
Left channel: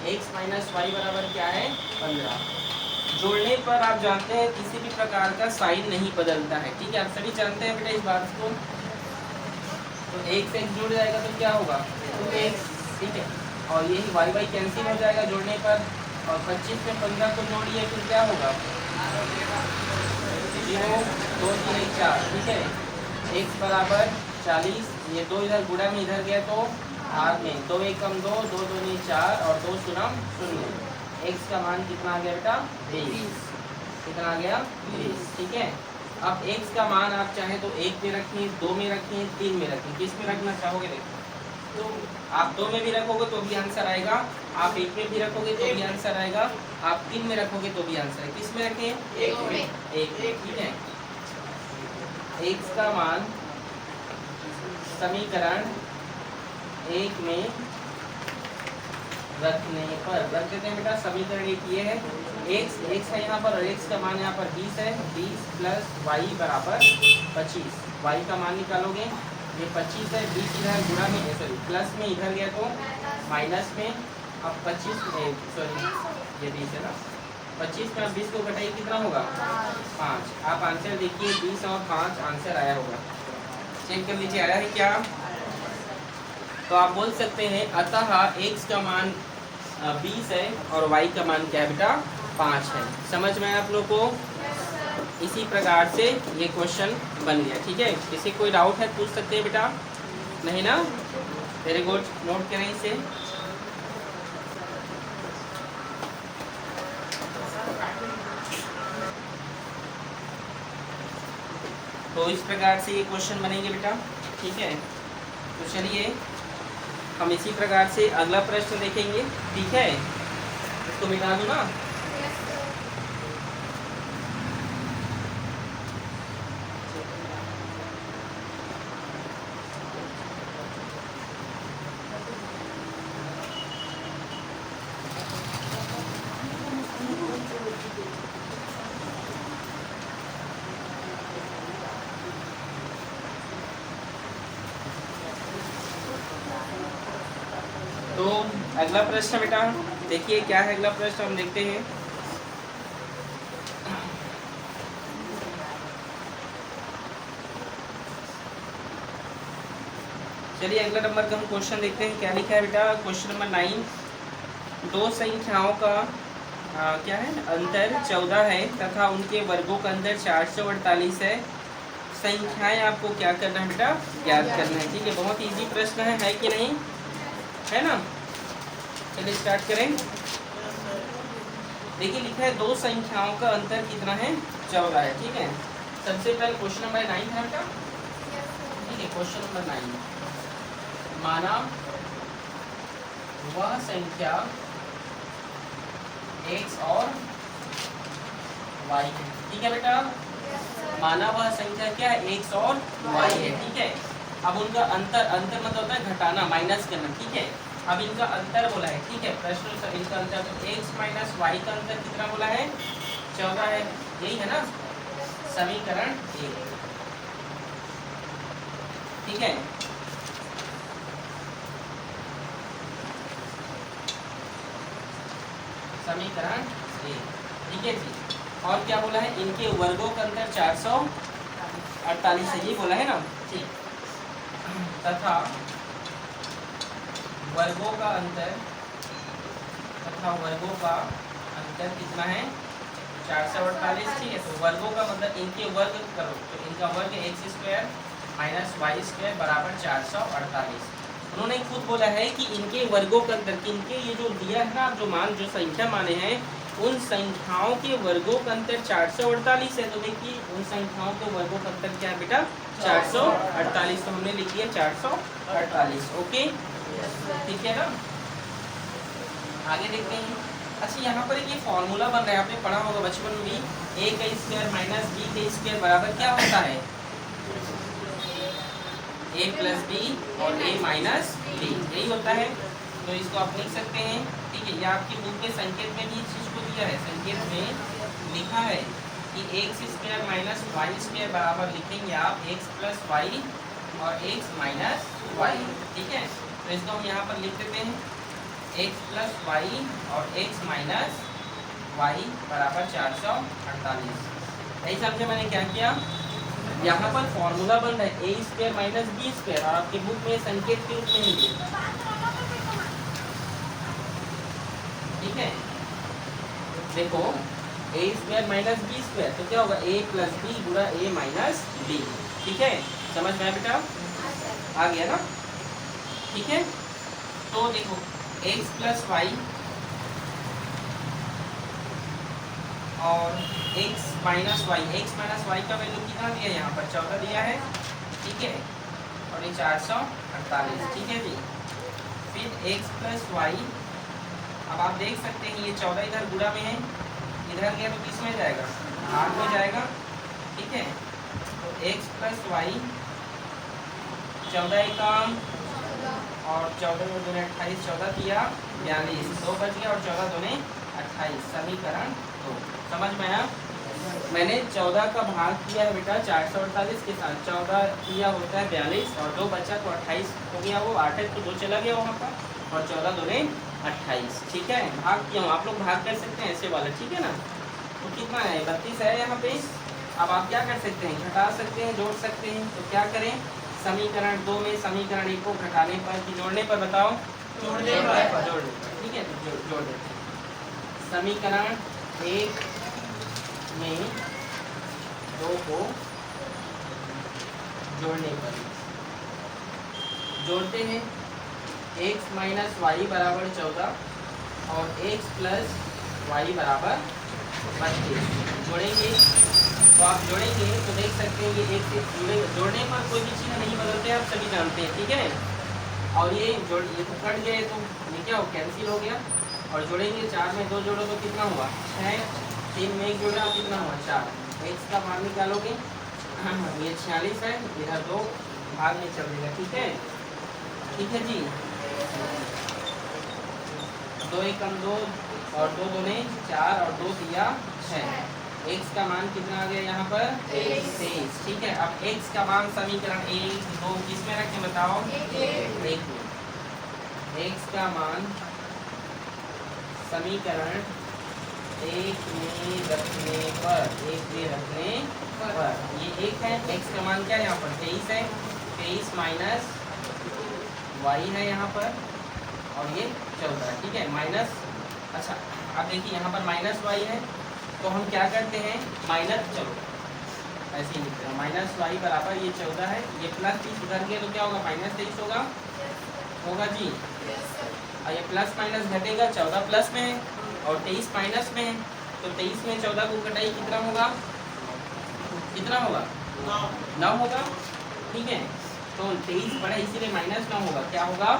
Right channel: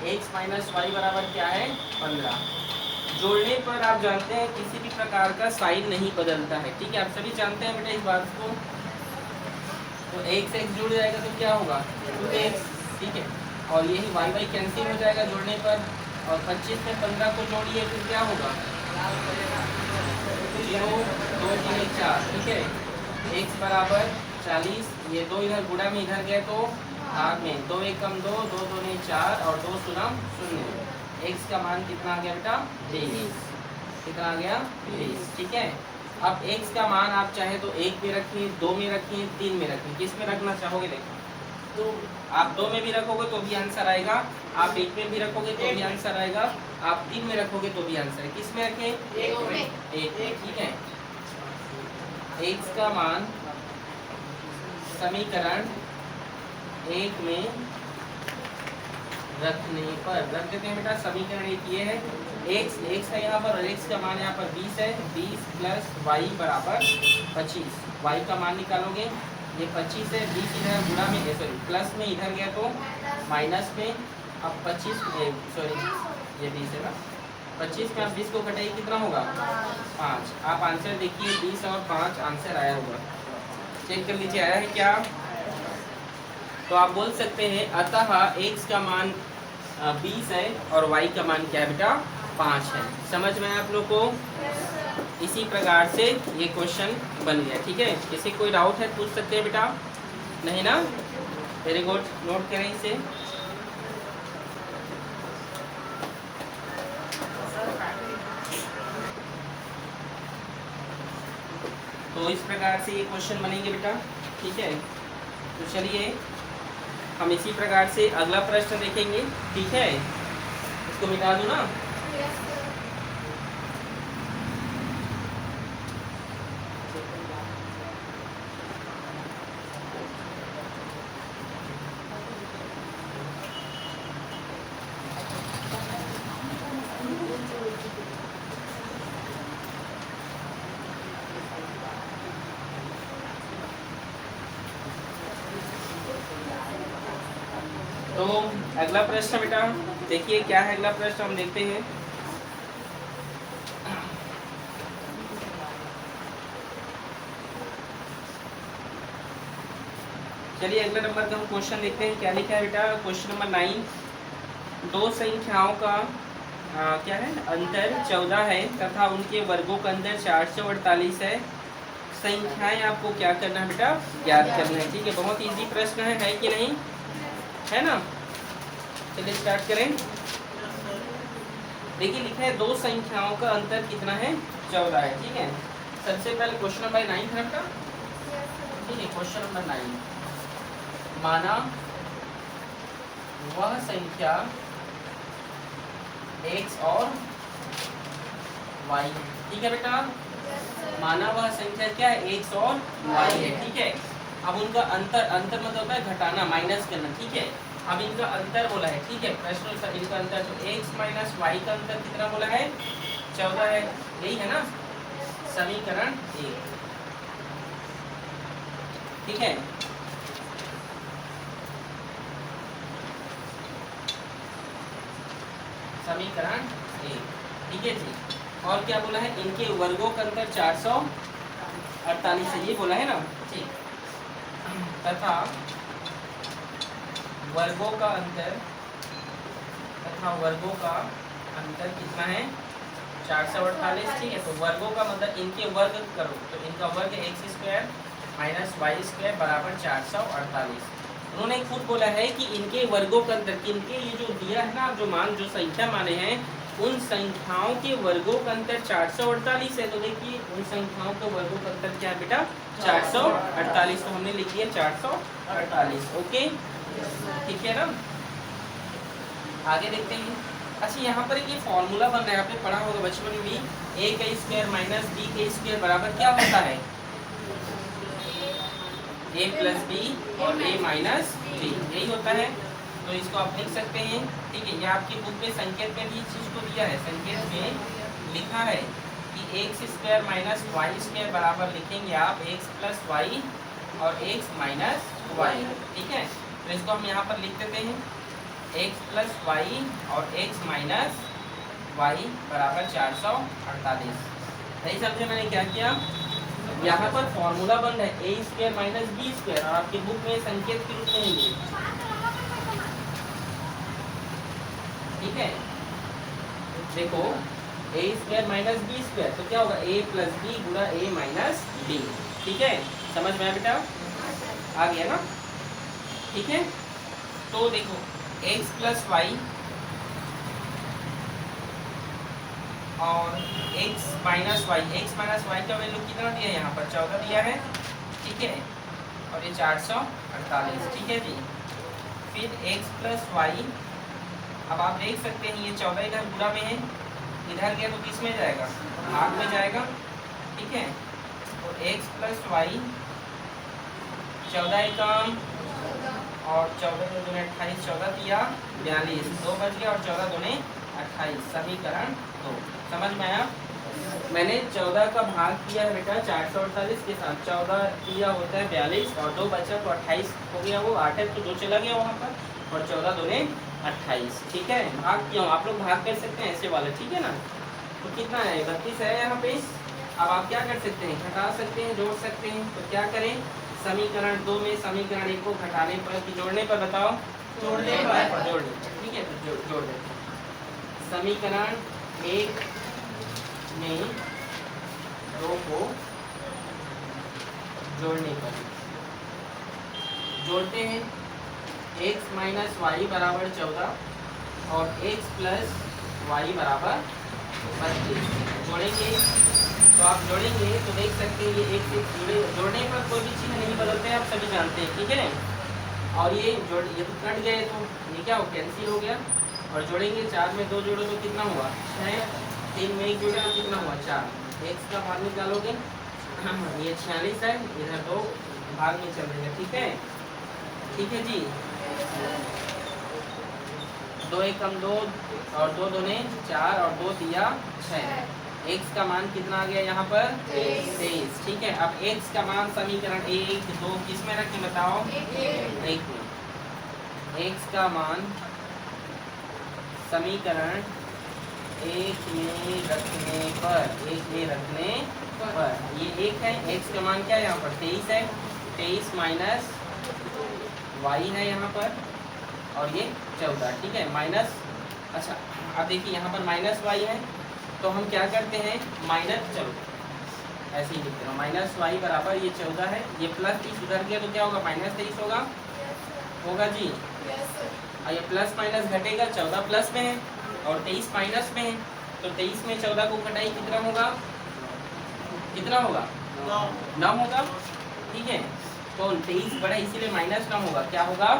x माइनस वाई बराबर क्या है 15। जोड़ने पर आप जानते हैं किसी भी प्रकार का साइन नहीं बदलता है, ठीक है, आप सभी जानते हैं बेटा इस बात को। तो x से x जुड़ जाएगा तो क्या होगा 2x, ठीक है, और यही वाई वाई कैंसिल हो जाएगा जोड़ने पर, और 25 में 15 को जोड़िए फिर क्या होगा 0, 2 3 4, ठीक है। x बराबर 40, ये 2 इधर गुणा में इधर गया तो भाग में, 2 1 कम 2, 2 2 4 और 2 शून्य 0। x का मान कितना आ गया बेटा 20, कितना आ गया 20, ठीक है। अब x का मान आप चाहे तो 1 में रखिए, 2 में रखिए, 3 में रखिए, किस में रखना चाहोगे देखो, तो आप 2 में भी रखोगे तो भी आंसर आएगा, आप 1 में भी रखोगे तो भी आंसर आएगा, आप 3 में रखोगे तो भी आंसर है। किस में रखें 1 में, 1 में, ठीक है। x का मान समीकरण 1 में रखने पर, रख देते हैं बेटा। समीकरण 1 ये है, x है यहाँ पर और x का मान यहाँ पर 20 है, 20 प्लस वाई बराबर 25। y का मान निकालोगे, ये 25 है, 20 इधर गुणा में, सॉरी प्लस में इधर गया तो माइनस में, अब 25 सॉरी ये 20 है ना, 25 में आप 20 को घटाइए कितना होगा 5। आप आंसर देखिए 20 और 5 आंसर आया होगा, चेक कर लीजिए आया है क्या। तो आप बोल सकते हैं अतः x का मान 20 है और y का मान क्या है बेटा 5 है। समझ में आया आप लोग को, इसी प्रकार से ये क्वेश्चन बन गया, ठीक है। किसी कोई डाउट है पूछ सकते हैं बेटा, नहीं ना, वेरी गुड, नोट करें इसे। तो इस प्रकार से ये क्वेश्चन बनेंगे बेटा, ठीक है। तो चलिए हम इसी प्रकार से अगला प्रश्न देखेंगे, ठीक है। इसको मिटा दूं ना, तो अगला प्रश्न बेटा देखिए क्या है अगला प्रश्न, हम देखते हैं। चलिए अगला नंबर का हम क्वेश्चन देखते हैं, क्या लिखा है बेटा। क्वेश्चन नंबर 9, दो संख्याओं का क्या है अंतर 14 है तथा उनके वर्गों का अंतर 448 है। संख्याएं आपको क्या करना है बेटा, ज्ञात करना है। ठीक है, बहुत इजी प्रश्न है कि नहीं, है ना। चलिए स्टार्ट करें। देखिए लिखा है दो संख्याओं का अंतर कितना है, 14 है। ठीक है, सबसे पहले क्वेश्चन नंबर 9 है बेटा। ठीक है, क्वेश्चन नंबर 9, माना वह संख्या x और y है। ठीक है बेटा, माना वह संख्या क्या है, x और y है। ठीक है, अब उनका अंतर, अंतर मतलब होता है घटाना, माइनस करना। ठीक है, अब इनका अंतर बोला है। ठीक है, प्रश्न से इनका अंतर, तो x माइनस वाई का अंतर कितना बोला है, 14 है। यही है ना समीकरण 1। ठीक है, समीकरण 1। ठीक है जी, और क्या बोला है, इनके वर्गों का अंतर 448 है, ये बोला है ना। ठीक, तथा वर्गों का अंतर, तथा वर्गों का अंतर कितना है, 448। ठीक है, तो वर्गों का मतलब इनके वर्ग करो, तो इनका वर्ग x square minus y square बराबर 448। उन्होंने खुद बोला है कि इनके वर्गों के अंतर, इनके ये जो दिया है ना, जो मान, जो संख्या माने हैं, उन संख्याओं के वर्गों का अंतर 448 है। तो देखिए उन संख्याओं के वर्गों का अंतर क्या है बेटा, 448। तो हमने लिख दिया 448। ओके, ठीक है ना। आगे देखते हैं। अच्छा, यहाँ पर एक ये फॉर्मूला बन रहा है, आपने पढ़ा होगा बचपन में भी, a का स्क्वायर माइनस b का स्क्वायर बराबर क्या होता है, a प्लस बी और a माइनस बी, यही होता है। तो इसको आप लिख सकते हैं। ठीक है, यह आपकी बुक में संकेत में भी इस चीज को दिया है, संकेत में लिखा है कि x square minus y square बराबर लिखेंगे आप x प्लस वाई और x माइनस वाई। ठीक है, तो इसको हम यहाँ पर लिख देते हैं, x प्लस वाई और x माइनस वाई बराबर 448। यही समझे मैंने क्या किया, यहाँ पर फॉर्मूला बन रहा है a square minus b square, और आपकी बुक में संकेत के रूप में ही। ठीक है, देखो a square minus b square, तो क्या होगा, a प्लस बी गुणा a माइनस बी। ठीक है, समझ में आया बेटा, आ गया ना। ठीक है, तो देखो x प्लस वाई और x minus y, x minus y का वैल्यू कितना दिया है, यहाँ पर 14 दिया है। ठीक है, और ये 448। ठीक है जी, फिर x प्लस वाई, अब आप देख सकते हैं ये 14 इधर गुणा में है, इधर गया तो किस में जाएगा, भाग में जाएगा। ठीक है, तो x प्लस वाई 14 एकम और 14 दूने 28, 14 दिया 42, 2 बच गया और 14 दूने 28, समीकरण 2। समझ में आया, मैंने 14 का भाग किया है बेटा 448 के साथ, 14 किया होता है 42 और 2 बचा तो 28 हो गया, वो 8 तो 2 चला गया वहाँ पर, और 14 दूने 28। ठीक है, भाग किया हूँ, आप लोग भाग कर सकते हैं ऐसे वाला। ठीक है ना, तो कितना है, 32 है यहाँ पे। अब आप क्या कर सकते हैं, घटा सकते हैं, जोड़ सकते हैं। तो क्या करें, समीकरण 2 में समीकरण 1 को घटाने पर कि जोड़ने पर, बताओ, जोड़ने पर, जोड़ने पर। ठीक है, तो जोड़ देते हैं। समीकरण 1 में 2 को जोड़ने पर जोड़ते हैं, x माइनस वाई बराबर 14 और x प्लस वाई बराबर 32। जोड़ेंगे तो आप जोड़ेंगे तो देख सकते हैं ये एक से जुड़े, जोड़ने पर कोई भी चीज़ नहीं बदलते, आप सभी जानते हैं। ठीक है, और ये जोड़, ये तो कट गए तो ये क्या हो, कैंसिल हो गया। और जोड़ेंगे, 4 में 2 जोड़ो तो कितना हुआ, 6, 3 में 1 जोड़े तो कितना हुआ, 4। x का भाग निकालोगे, ये 46 है, इधर 2 भाग में चल देगा। ठीक है, ठीक है जी, 2 एकम 2 और 2 दूने 4 और 2 दिया 6। x का मान कितना आ गया यहाँ पर, 23। ठीक है, अब x का मान समीकरण 1, 2 किस में रखें बताओ, 1 में। x का मान समीकरण एक में रखने पर ये एक है, x का मान क्या है यहाँ पर 23 है, 23 माइनस y है यहाँ पर, और ये 14, ठीक है माइनस। अच्छा अब देखिए यहाँ पर माइनस y है, तो हम क्या करते हैं माइनस, चलो ऐसे ही लिखते हैं, माइनस y बराबर ये 14 है, ये प्लस 30 उधर गया तो क्या होगा माइनस 23 होगा, होगा जी। और ये प्लस माइनस घटेगा, 14 प्लस में है और 23 माइनस में है, तो 23 में 14 को घटाइए कितना होगा, कितना होगा 9 होगा, ठीक है। तो 23 बड़ा इसीलिए माइनस 9 होगा, क्या होगा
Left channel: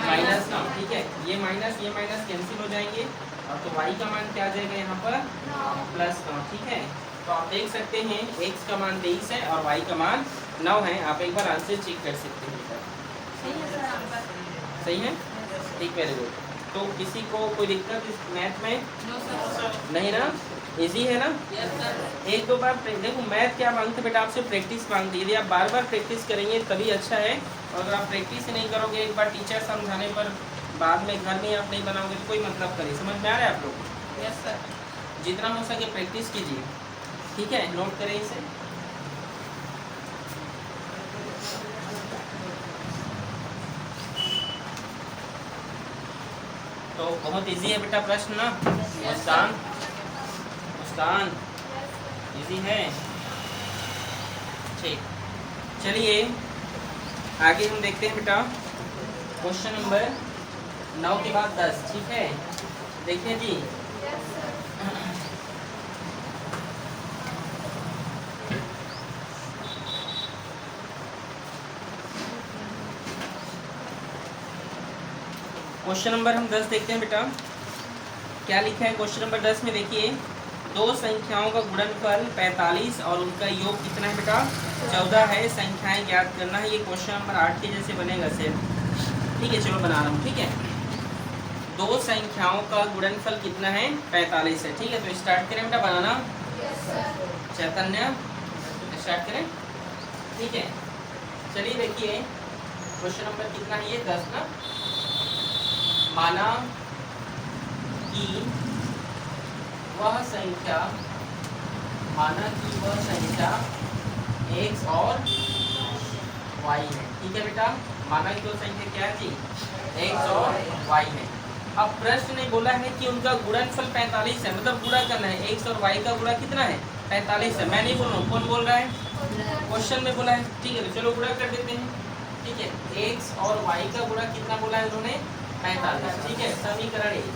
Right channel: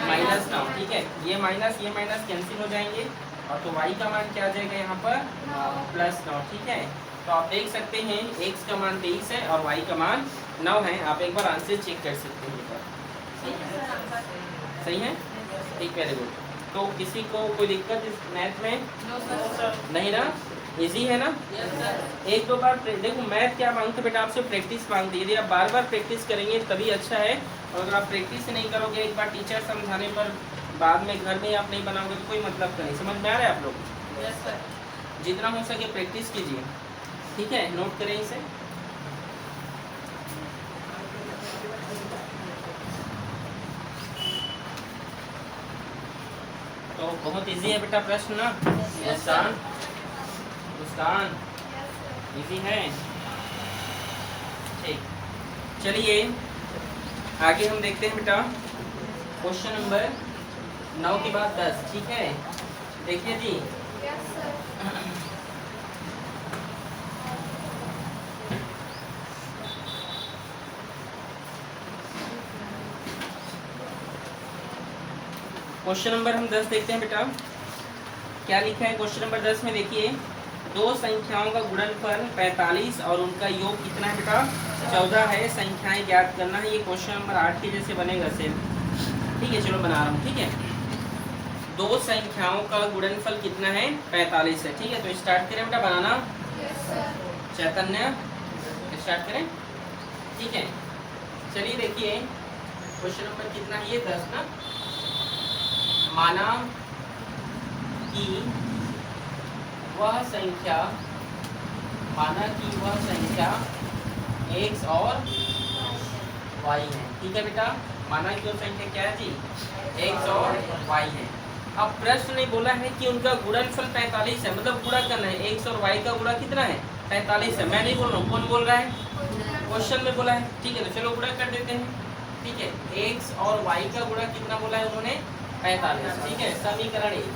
माइनस 9, ठीक है। ये माइनस कैंसिल हो जाएंगे, और तो y का मान क्या आ जाएगा यहाँ पर प्लस 9, ठीक है। तो आप देख सकते हैं x का मान 23 है और y का मान 9 है, आप एक बार आंसर चेक कर सकते हैं बेटा, सही है, ठीक है। देखो तो किसी को कोई दिक्कत इस मैथ में नहीं ना, इजी है ना। एक दो बार देखो मैथ क्या मांगते बेटा आपसे, प्रैक्टिस मांगती है, यदि आप बार बार प्रैक्टिस करेंगे तभी अच्छा है, और अगर आप प्रैक्टिस नहीं करोगे एक बार टीचर समझाने पर बाद में घर में आप नहीं बनाओगे तो कोई मतलब का नहीं। समझ में आ रहा है आप लोग? Yes sir. जितना हो सके प्रैक्टिस कीजिए, ठीक है, नोट करें इसे। तो बहुत इजी है बेटा प्रश्न ना, मुस्कान मुस्कान इजी है, ठीक। चलिए आगे हम देखते हैं बेटा क्वेश्चन नंबर 9 के बाद 10, ठीक है। देखिए जी क्वेश्चन नंबर हम 10 देखते हैं बेटा, क्या लिखा है क्वेश्चन नंबर 10 में। देखिए दो संख्याओं का गुणनफल 45 और उनका योग कितना है बेटा 14 है, संख्याएं ज्ञात करना है। ये क्वेश्चन नंबर 8 के जैसे बनेगा सेम, ठीक है। चलो बना रहा हूँ, ठीक है। दो संख्याओं का गुणनफल कितना है 45 है, ठीक है। तो स्टार्ट करें बेटा बनाना, चैतन्य स्टार्ट करें, ठीक है। चलिए देखिए क्वेश्चन नंबर कितना है ये 10 ना। माना कि वह संख्या x और y है, ठीक है बेटा। माना कि वो संख्या क्या है जी x और y है। अब प्रश्न ने बोला है कि उनका गुणनफल 45 है, मतलब गुणा करना है, x और y का गुणा कितना है 45 है। मैं नहीं बोल रहा हूँ, कौन बोल रहा है, क्वेश्चन में बोला है, ठीक है। तो चलो गुणा कर देते हैं, ठीक है। x और y का गुणा कितना बोला है उन्होंने 45, ठीक है, समीकरण 1।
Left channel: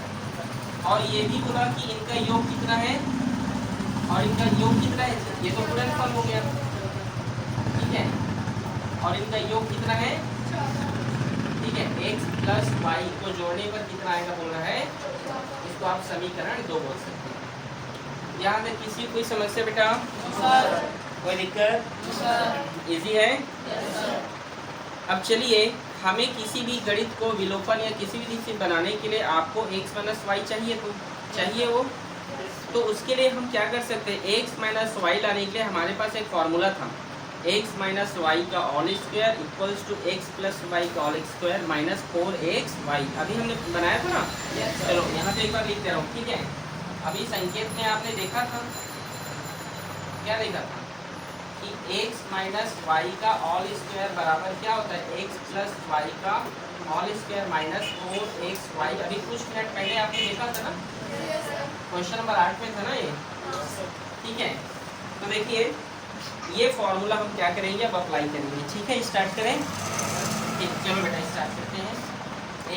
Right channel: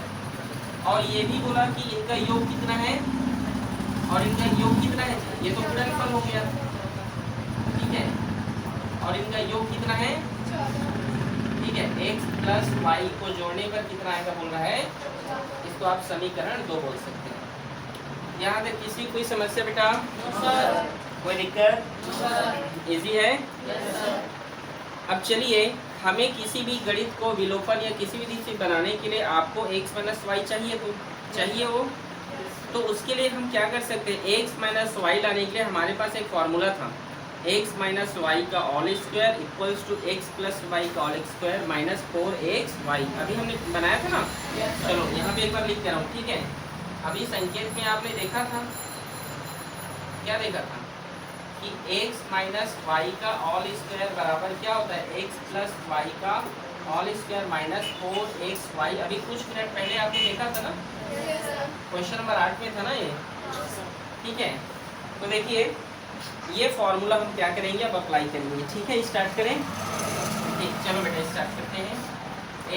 और ये भी बोला कि इनका योग कितना है, और इनका योग कितना है, ये तो गुणनफल हो गया, ठीक है। और इनका योग कितना है, ठीक है, x प्लस वाई को जोड़ने पर कितना आएगा बोल रहा है, इसको आप समीकरण 2 बोल सकते हैं। यहाँ तक किसी कोई समस्या बेटा, कोई दिक्कत, इजी है। अब चलिए हमें किसी भी गणित को विलोपन या किसी भी चीज बनाने के लिए आपको x माइनस वाई चाहिए, तो चाहिए वो, तो उसके लिए हम क्या कर सकते हैं, x माइनस वाई लाने के लिए हमारे पास एक फॉर्मूला था, x माइनस वाई का all square equals to x plus y का ऑल स्क्वायर माइनस 4xy। अभी हमने बनाया था ना, चलो यहाँ पे एक बार लिख दे रहा हूँ, ठीक है। अभी संकेत में आपने देखा था, क्या देखा था कि x माइनस वाई का ऑल स्क्वायर बराबर क्या होता है x प्लस वाई का ऑल स्क्वायर माइनस 4xy। अभी कुछ मिनट पहले आपने देखा था ना, क्वेश्चन नंबर 8 में था ना ये, ठीक है। तो देखिए ये फॉर्मूला हम क्या करेंगे, अब अप्लाई करेंगे, ठीक है। स्टार्ट करें, ठीक, चलो बेटा स्टार्ट करते हैं।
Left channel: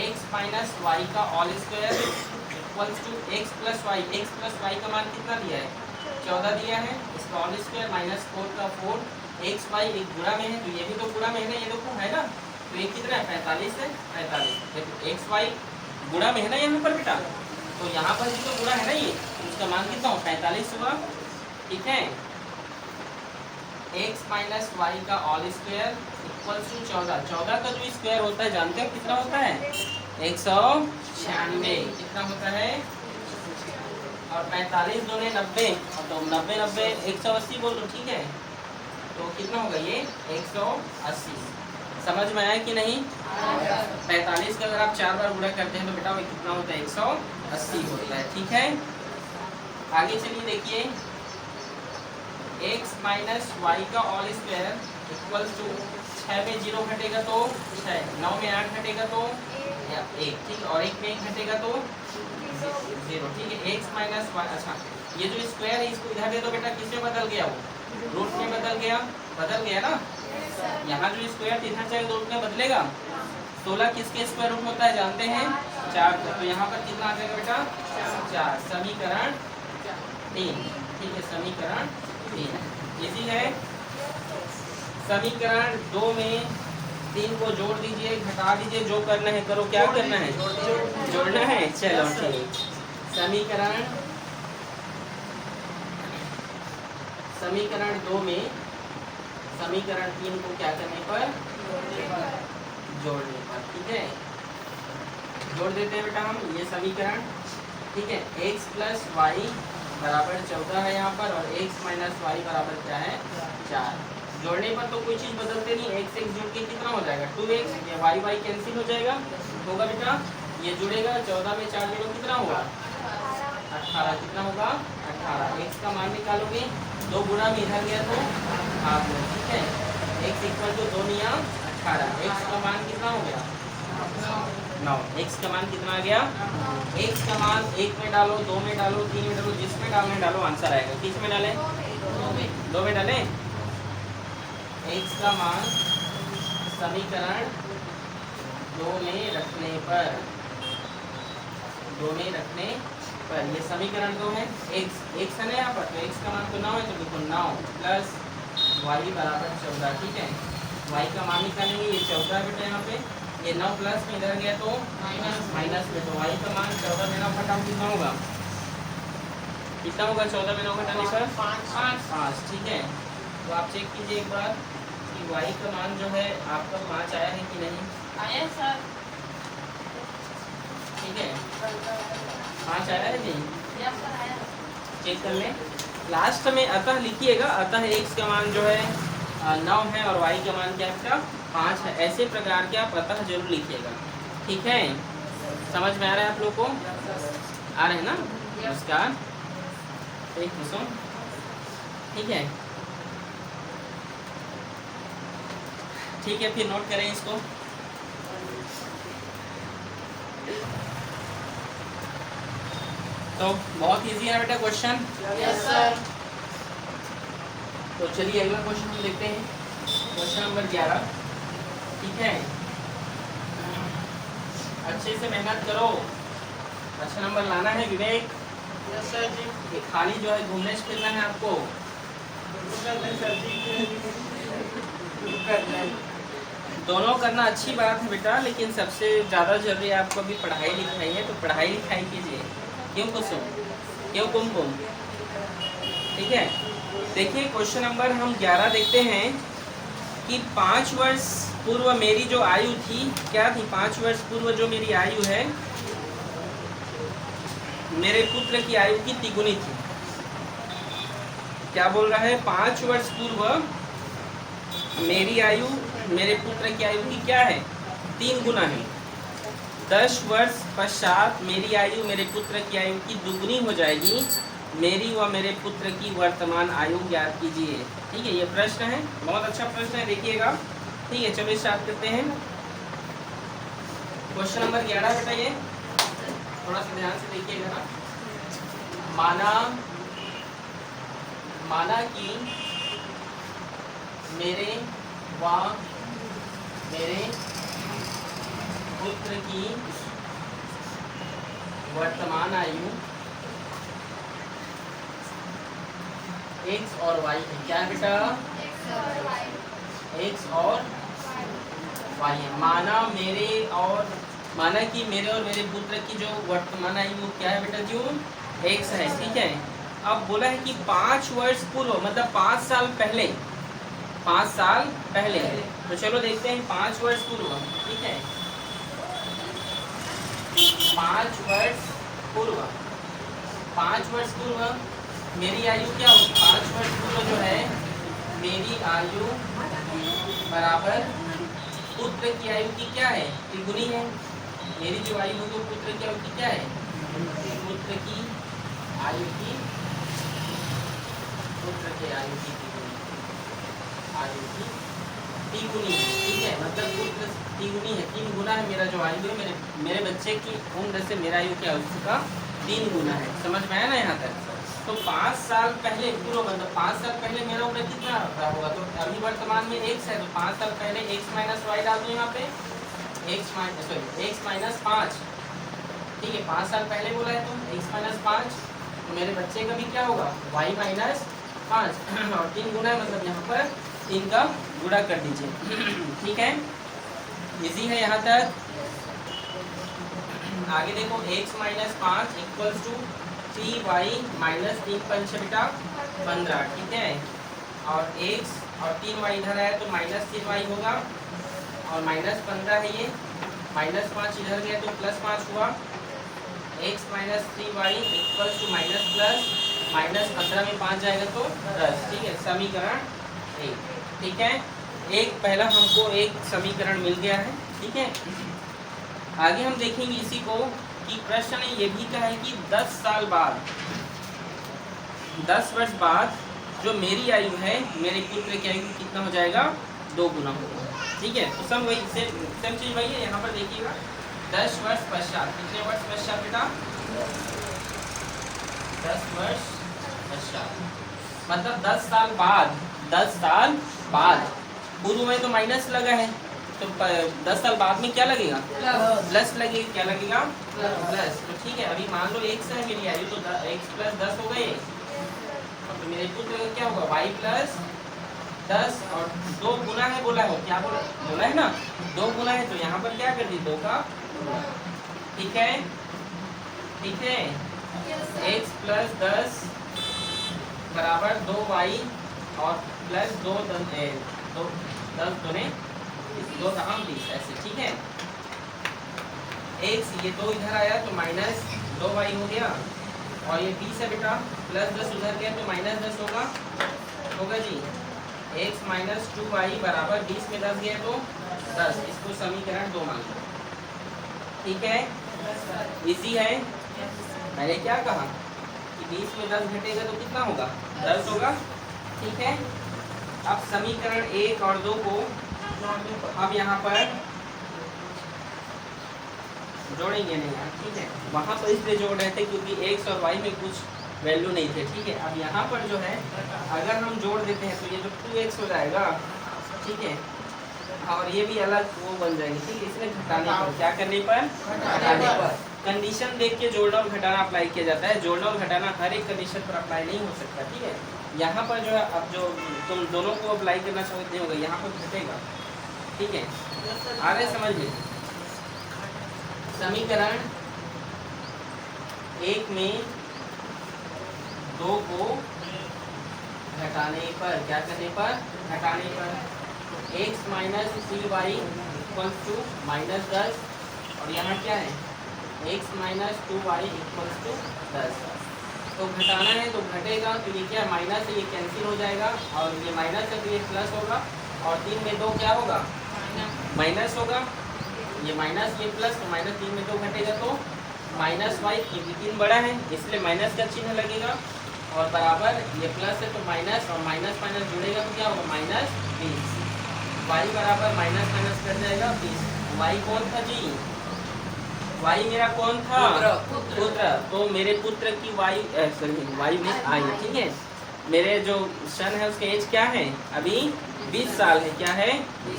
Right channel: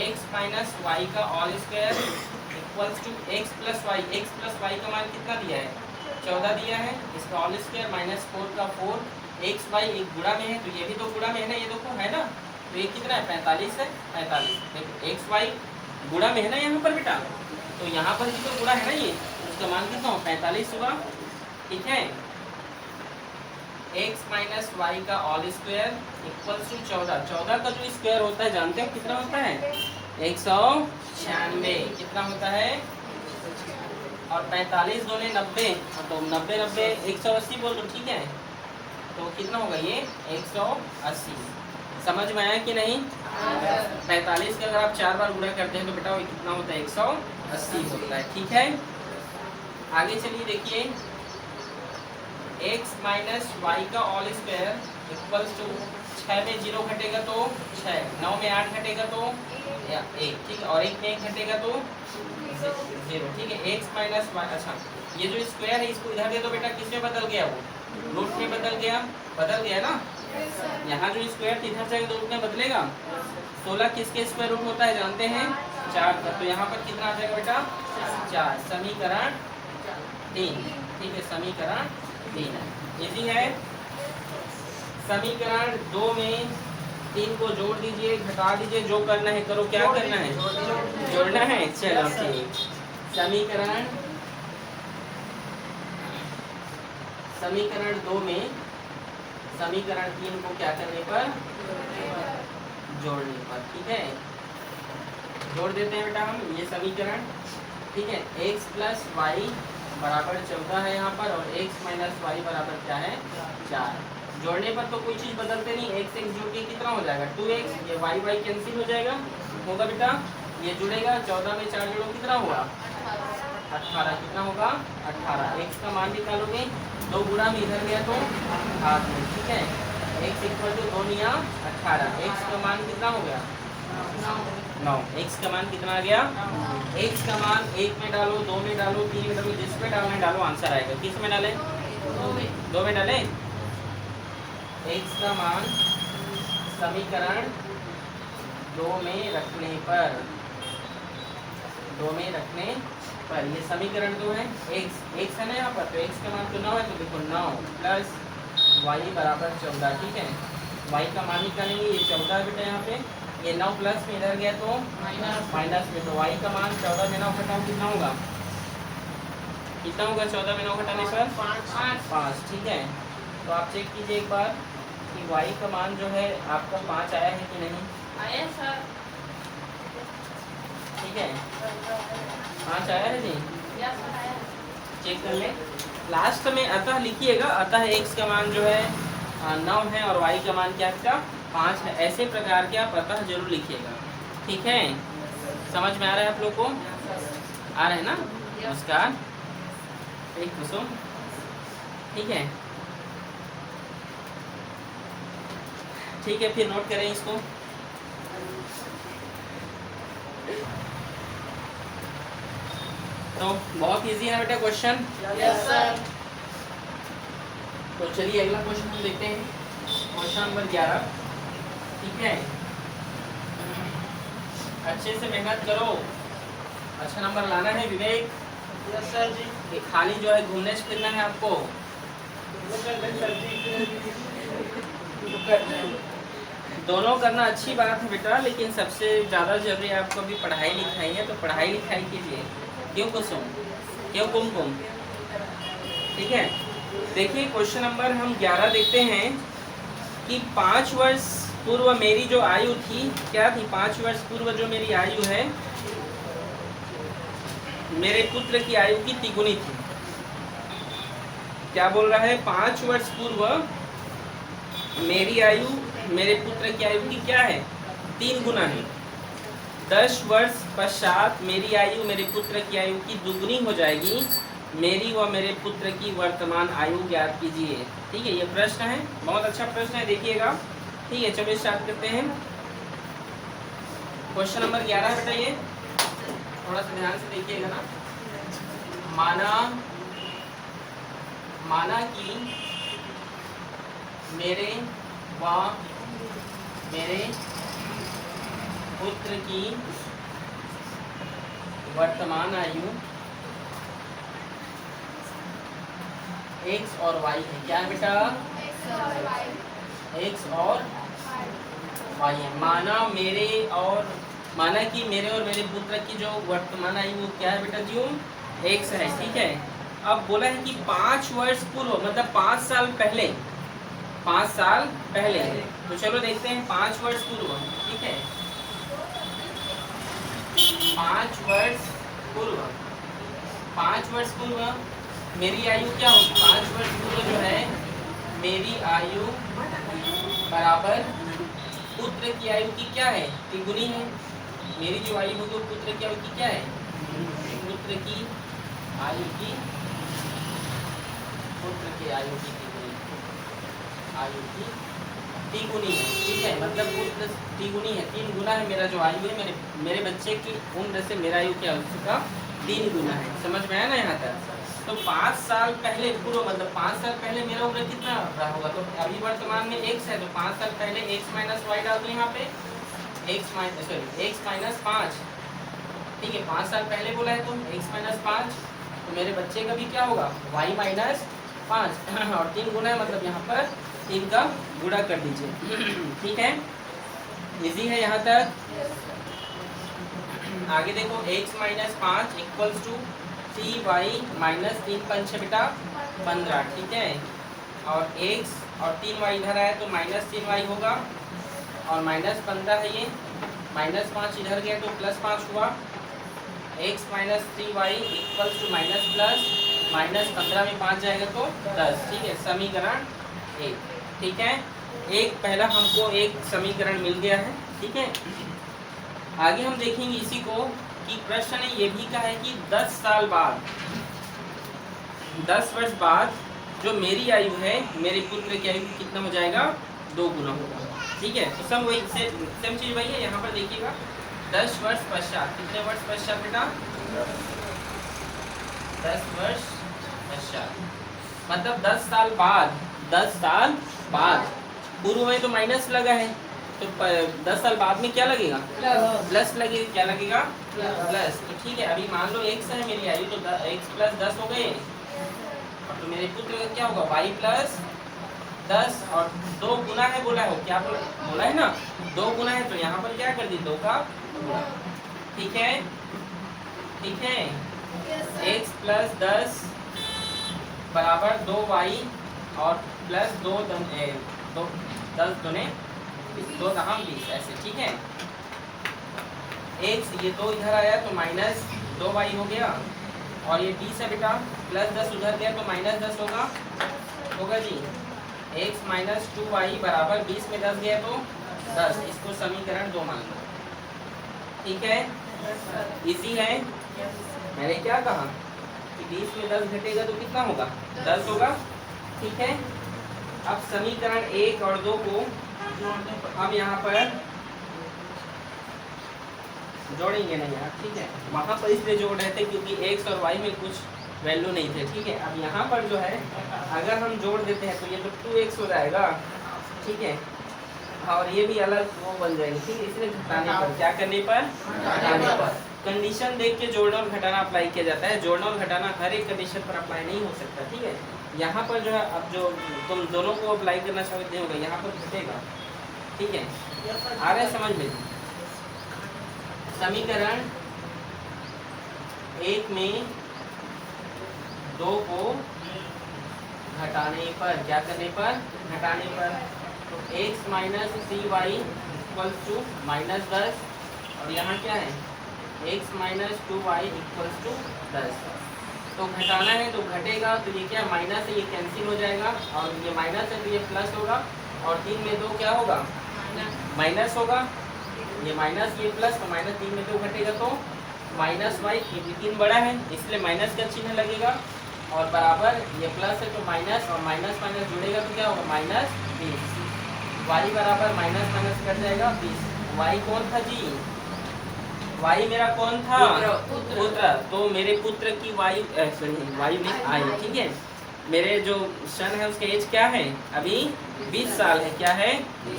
x माइनस वाई का all square equals to x plus y का मान कितना दिया है 14 दिया है, इसका ऑल स्क्वायर माइनस 4 का 4, एक्स वाई एक गुणा में है तो ये भी तो गुणा में है ना, ये तो है ना, तो ये कितना है 45 है, 45। देखो एक्स वाई गुणा में है ना यहाँ पर बेटा, तो यहाँ पर भी तो गुणा है ना, ये इसका मान कितना हो 45 हुआ, ठीक है। x माइनस वाई का ऑल स्क्वायर इक्वल टू 14, 14 का जो स्क्वायर होता है जानते हैं कितना होता है 196, कितना होता है, और 45 दूने 90, और तो 90 180 बोल दो, ठीक है। तो कितना होगा ये 180। समझ में आया कि नहीं? 45 का अगर आप 4 बार गुणा करते हैं तो बेटा वो कितना होता है? 180 होता है। ठीक है, आगे चलिए देखिए, x माइनस वाई का होल स्क्वायर इक्वल्स टू 6 में 0 घटेगा तो 6, 9 में 8 घटेगा तो 1, ठीक है, और 1 में 1 घटेगा तो 0। ठीक है, x माइनस वाई, अच्छा ये जो स्क्वायर है इसको इधर दे दो बेटा, किस में बदल गया? वो रूट में बदल गया ना। यहाँ जो स्क्वायर इधर जाएगा तो रूट में बदलेगा। 16 किसके स्क्वायर रूट होता है जानते हैं? 4 का। तो यहाँ पर कितना आ जाएगा बेटा? 4। समीकरण 3। ठीक है, समीकरण 3 इजी है। समीकरण 2 में 3 को जोड़ दीजिए, घटा दीजिए, जो करना है करो। क्या करना है? जोड़ना है। चलो ठीक, समीकरण 2 में समीकरण 3 को क्या करने पर? जोड़ने पर। ठीक है, जोड़ देते हैं बेटा हम ये समीकरण। ठीक है, x प्लस वाई बराबर 14 है यहाँ पर, और x माइनस वाई बराबर क्या है? 4। जोड़ने पर तो कोई चीज़ बदलते नहीं, x x जोड़ के कितना हो जाएगा? 2x। ये y y कैंसिल हो जाएगा, होगा बेटा, ये जुड़ेगा। 14 में 4 जोड़ो, कितना हुआ? 18। कितना होगा? 18। x का मान निकालोगे, 2 गुणा में इधर गया तो भाग में। ठीक है, x इक्वल टू 2 या 18। x का मान कितना हो गया? 9। x का मान कितना आ गया? x का मान 1 में डालो, 2 में डालो, 3 में डालो, जिसमें डालना है डालो, आंसर आएगा। किस में डालें? 2 में डालें। x का मान समीकरण 2 में रखने पर, ये समीकरण 2 है। x है ना यहाँ पर, तो x का मान तो 9 है, तो देखो 9 प्लस y बराबर 14। ठीक है, y का मान निकालेंगे, ये 14 है बेटा यहाँ पे, ये 9 प्लस में इधर गया तो माइनस में, तो y का मान 14 में 9 घटाओ, कितना होगा? कितना होगा 14 में 9 घटाने पर? 5। ठीक है, तो आप चेक कीजिए एक बार कि y का मान जो है आपका 5 आया है कि नहीं? आया सर। ठीक है, 5 आया है नहीं? चेक कर लें। लास्ट में अतः लिखिएगा, अतः x का मान जो है 9 है और y का मान क्या है? 5 है। ऐसे प्रकार के आप अतः जरूर लिखिएगा। ठीक है, समझ में आ रहा है आप लोग को? आ रहे हैं ना? नमस्कार, एक कुसुम। ठीक है, ठीक है, फिर नोट करें इसको। तो बहुत इजी है बेटा क्वेश्चन। Yes sir. तो चलिए अगला क्वेश्चन हम देखते हैं, क्वेश्चन नंबर 11। ठीक है, अच्छे से मेहनत करो, अच्छा नंबर लाना है। विवेक, यस सर जी। ये खाली जो है घूमने से फिरना है आपको। दोनों करना अच्छी बात है बेटा, लेकिन सबसे ज़्यादा जरूरी आपको अभी पढ़ाई लिखाई है, तो पढ़ाई लिखाई कीजिए। क्यों कुसुम? क्यों कुमकुम? ठीक है, देखिए क्वेश्चन नंबर हम 11 देखते हैं कि 5 वर्ष पूर्व मेरी जो आयु थी, क्या थी? 5 वर्ष पूर्व जो मेरी आयु है, मेरे पुत्र की आयु की तिगुनी थी। क्या बोल रहा है? 5 वर्ष पूर्व मेरी आयु मेरे पुत्र की आयु की क्या है? 3 गुना है। 10 वर्ष पश्चात मेरी आयु मेरे पुत्र की आयु की दुगुनी हो जाएगी। मेरी व मेरे पुत्र की वर्तमान आयु ज्ञात कीजिए। ठीक है, ये प्रश्न है, बहुत अच्छा प्रश्न है, देखिएगा। ठीक है, चलो स्टार्ट करते हैं। क्वेश्चन नंबर 11 बताइए, थोड़ा सा ध्यान से देखिएगा ना। माना कि मेरे पुत्र की वर्तमान आयु x और y है। क्या है बेटा? x और y है। माना कि मेरे और मेरे पुत्र की जो वर्तमान आयु क्या है बेटा? क्यों? x है। ठीक है, अब बोला है कि 5 वर्ष पूर्व, मतलब 5 साल पहले, 5 साल पहले। तो चलो देखते हैं 5 वर्ष पूर्व। ठीक है, 5 वर्ष पूर्व मेरी आयु क्या होगी? 5 वर्ष पूर्व जो है मेरी आयु बराबर पुत्र की आयु की क्या है, तिगुनी है। मेरी जो आयु होगी पुत्र की आयु की क्या है, पुत्र की आयु की, पुत्र की आयु की तिगुनी, आयु की तिगुनी है, ठीक है। मतलब पुत्र तिगुनी है, 3 गुना है मेरा जो आयु है, मेरे बच्चे की उम्र से मेरा आयु क्या हो चुका, 3 गुना है। समझ में आया ना यहाँ तक। तो 5 साल पहले पूर्व, मतलब 5 साल पहले मेरा उम्र कितना होगा, तो अभी वर्तमान में x है, तो 5 साल पहले x माइनस वाई डाल दूँ यहाँ पे, x माइनस 5, ठीक है। 5 साल पहले बोला है तो x माइनस 5, तो मेरे बच्चे का भी क्या होगा, y माइनस 5 और 3 गुना है, मतलब यहाँ पर इनका गुणा कर दीजिए, ठीक है। इजी है यहाँ तक। आगे देखो x minus 5 equals to 3y minus 3 पंच बेटा 15, ठीक है। और x और 3y इधर आया तो माइनस 3y होगा, और माइनस 15 है ये, माइनस 5 इधर गया तो प्लस 5 हुआ। x minus 3y equals to minus plus minus 15 में 5 जाएगा तो 10, ठीक है। समीकरण 1, ठीक है। एक पहला हमको एक समीकरण मिल गया है, ठीक है। आगे हम देखेंगे इसी को कि प्रश्न ने ये भी कहा है कि 10 साल बाद, 10 वर्ष बाद जो मेरी आयु है, मेरे पुत्र की आयु कितना हो जाएगा, 2 गुना होगा, ठीक है। तो सब वही सेम चीज वही है। यहाँ पर देखिएगा 10 वर्ष पश्चात, कितने वर्ष पश्चात बेटा, 10 वर्ष पश्चात, मतलब 10 साल बाद, 10 साल बाद। पूर्व में तो माइनस लगा है, तो 10 साल बाद में क्या लगेगा, प्लस लगेगा, क्या लगेगा, प्लस। तो ठीक है, अभी मान लो x है मेरी आयु, तो x प्लस 10 हो गए, तो मेरे पुत्र का क्या होगा, y प्लस 10, और 2 गुना है बोला है, क्या बोला है ना, 2 गुना है, तो यहाँ पर क्या कर दी, 2 का गुना, ठीक है, ठीक है। x प्लस 10 बराबर 2y और प्लस 10 दोने 2 कहाँ 20, ऐसे, ठीक है। x ये 2 इधर आया तो माइनस 2y हो गया, और ये 20 है बेटा, प्लस 10 उधर गया तो माइनस 10 होगा जी। x माइनस 2y बराबर 20 में 10 गया तो 10, इसको समीकरण 2 मान लो, ठीक है। इसी है, मैंने क्या कहा कि 20 में 10 घटेगा तो कितना होगा, 10 होगा, ठीक है। अब समीकरण 1 और 2 को अब यहाँ पर जोड़ेंगे नहीं यहाँ, ठीक है। वहाँ पर इसलिए जोड़ रहे थे क्योंकि x और y में कुछ वैल्यू नहीं थे, ठीक है। अब यहाँ पर जो है अगर हम जोड़ देते हैं तो ये तो 2x हो जाएगा, ठीक है, और ये भी अलग वो बन जाएंगे, ठीक है। इसलिए घटाने पर, क्या करने पर, घटाने पर। कंडीशन देख के जोड़ना और घटाना अप्लाई किया जाता है, जोड़ना और घटाना हर एक कंडीशन पर अप्लाई नहीं हो सकता, ठीक है। यहाँ पर जो है, अब जो तुम दोनों को अप्लाई करना चाहते होगे, यहाँ पर घटेगा, ठीक है। आ रहा है समझ में। समीकरण 1 में 2 को घटाने पर, क्या करने पर, घटाने पर, तो x minus 3y equals to minus 10, और यहाँ क्या है, x minus 2y equals to 10। तो घटाना है तो घटेगा, तो ये क्या माइनस है, ये कैंसिल हो जाएगा, और ये माइनस है तो ये प्लस होगा, और 3 में 2 क्या होगा, माइनस होगा, ये माइनस ये प्लस, तो माइनस 3 में 2 घटेगा तो माइनस वाई, ये 3 बड़ा है इसलिए माइनस का चिन्ह लगेगा, और बराबर ये प्लस है तो माइनस, और माइनस माइनस जुड़ेगा तो क्या होगा, माइनस 20। वाई बराबर माइनस माइनस कर जाएगा 20। वाई कौन था जी, वाई मेरा कौन था, पुत्र। तो मेरे पुत्र की वाई, सॉरी वाई में आई, ठीक है। मेरे जो सन है उसका एज क्या है, अभी 20 साल है, क्या है,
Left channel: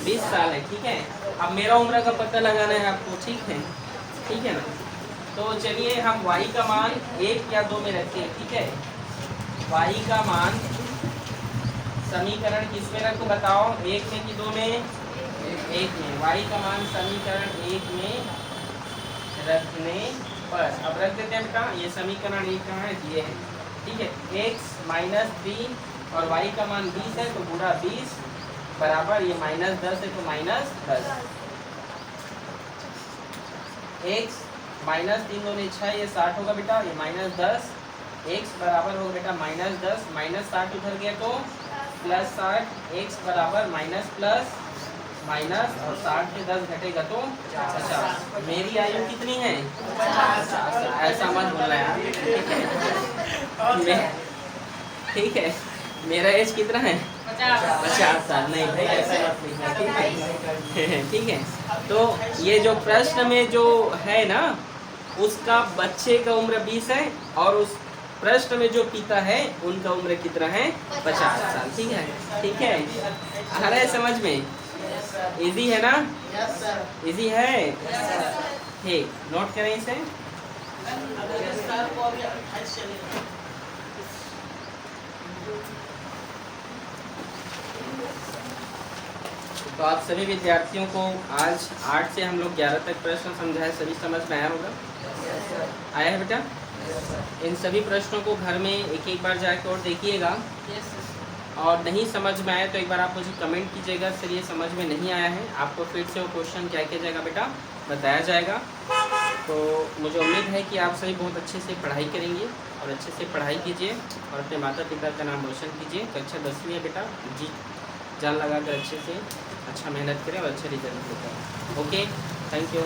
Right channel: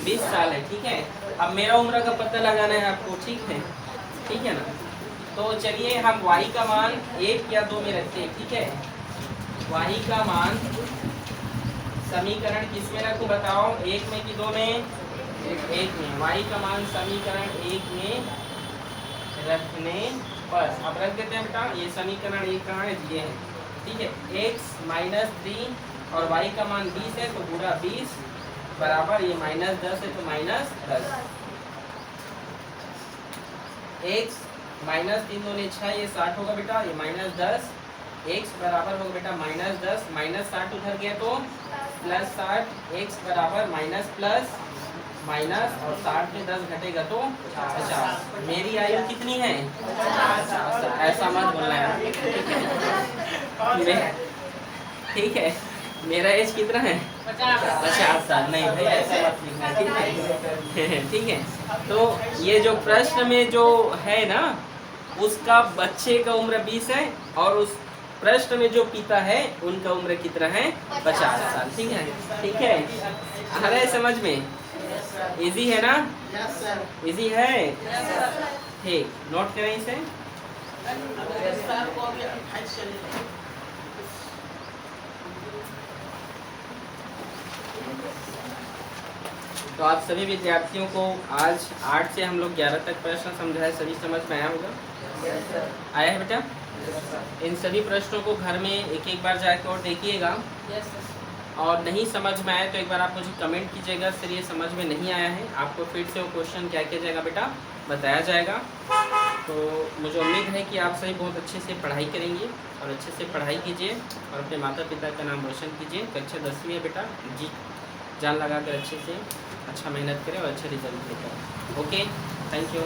20 साल है, ठीक है। अब मेरा उम्र का पता लगाना है आपको, ठीक है ना। तो चलिए हम y का मान 1 या 2 में रखते हैं, ठीक है। y का मान समीकरण किस में रखूं बताओ, 1 में कि 2 में, 1 में। y का मान समीकरण 1 में रखने पर, अब रख देते हैं बेटा, ये समीकरण 1 कहाँ है, ये है, ठीक है। x माइनस 3 और y का मान 20 है तो गुणा 20 बराबर ये माइनस 10 है तो माइनस 10। x माइनस 3 दूनी 6, ये 60 होगा बेटा, ये माइनस 10, x बराबर होगा बेटा माइनस 10, माइनस 60 उधर गया तो प्लस 60, x बराबर माइनस प्लस माइनस और 60 में 10 घटेगा तो 50। मेरी आयु कितनी है? 50। ऐसा मत बोलना यार, ठीक है। मेरा एज कितना है? 50 साल। नहीं भाई ऐसा मत लिखना, ठीक है। ठीक है। तो ये जो प्रश्न में जो है ना, उसका बच्चे का उम्र 20 है और उस प्रश्न में जो पिता है उनका उम्र कितना है? 50 साल। ठीक है, ठीक है। आ रहा है समझ में? इजी है ना? इजी है, ठीक। नोट करें इसे। तो आप सभी विद्यार्थियों को आज 8 से हम लोग 11 तक प्रश्न समझाए, सभी समझ में आया होगा? आया है बेटा? इन सभी प्रश्नों को घर में एक एक बार जाके और देखिएगा, और नहीं समझ में आया तो एक बार आप मुझे कमेंट कीजिएगा सर ये समझ में नहीं आया है। आपको फिर से वो क्वेश्चन क्या किया जाएगा बेटा? बताया जाएगा। तो मुझे उम्मीद है कि आप सभी बहुत अच्छे से पढ़ाई करेंगे और अच्छे से पढ़ाई कीजिए और अपने माता पिता का नाम रोशन कीजिए। कक्षा 10वीं है बेटा, जी जान लगा कर अच्छे से अच्छा मेहनत करें और अच्छा रिजल्ट लेकर। Okay, thank you.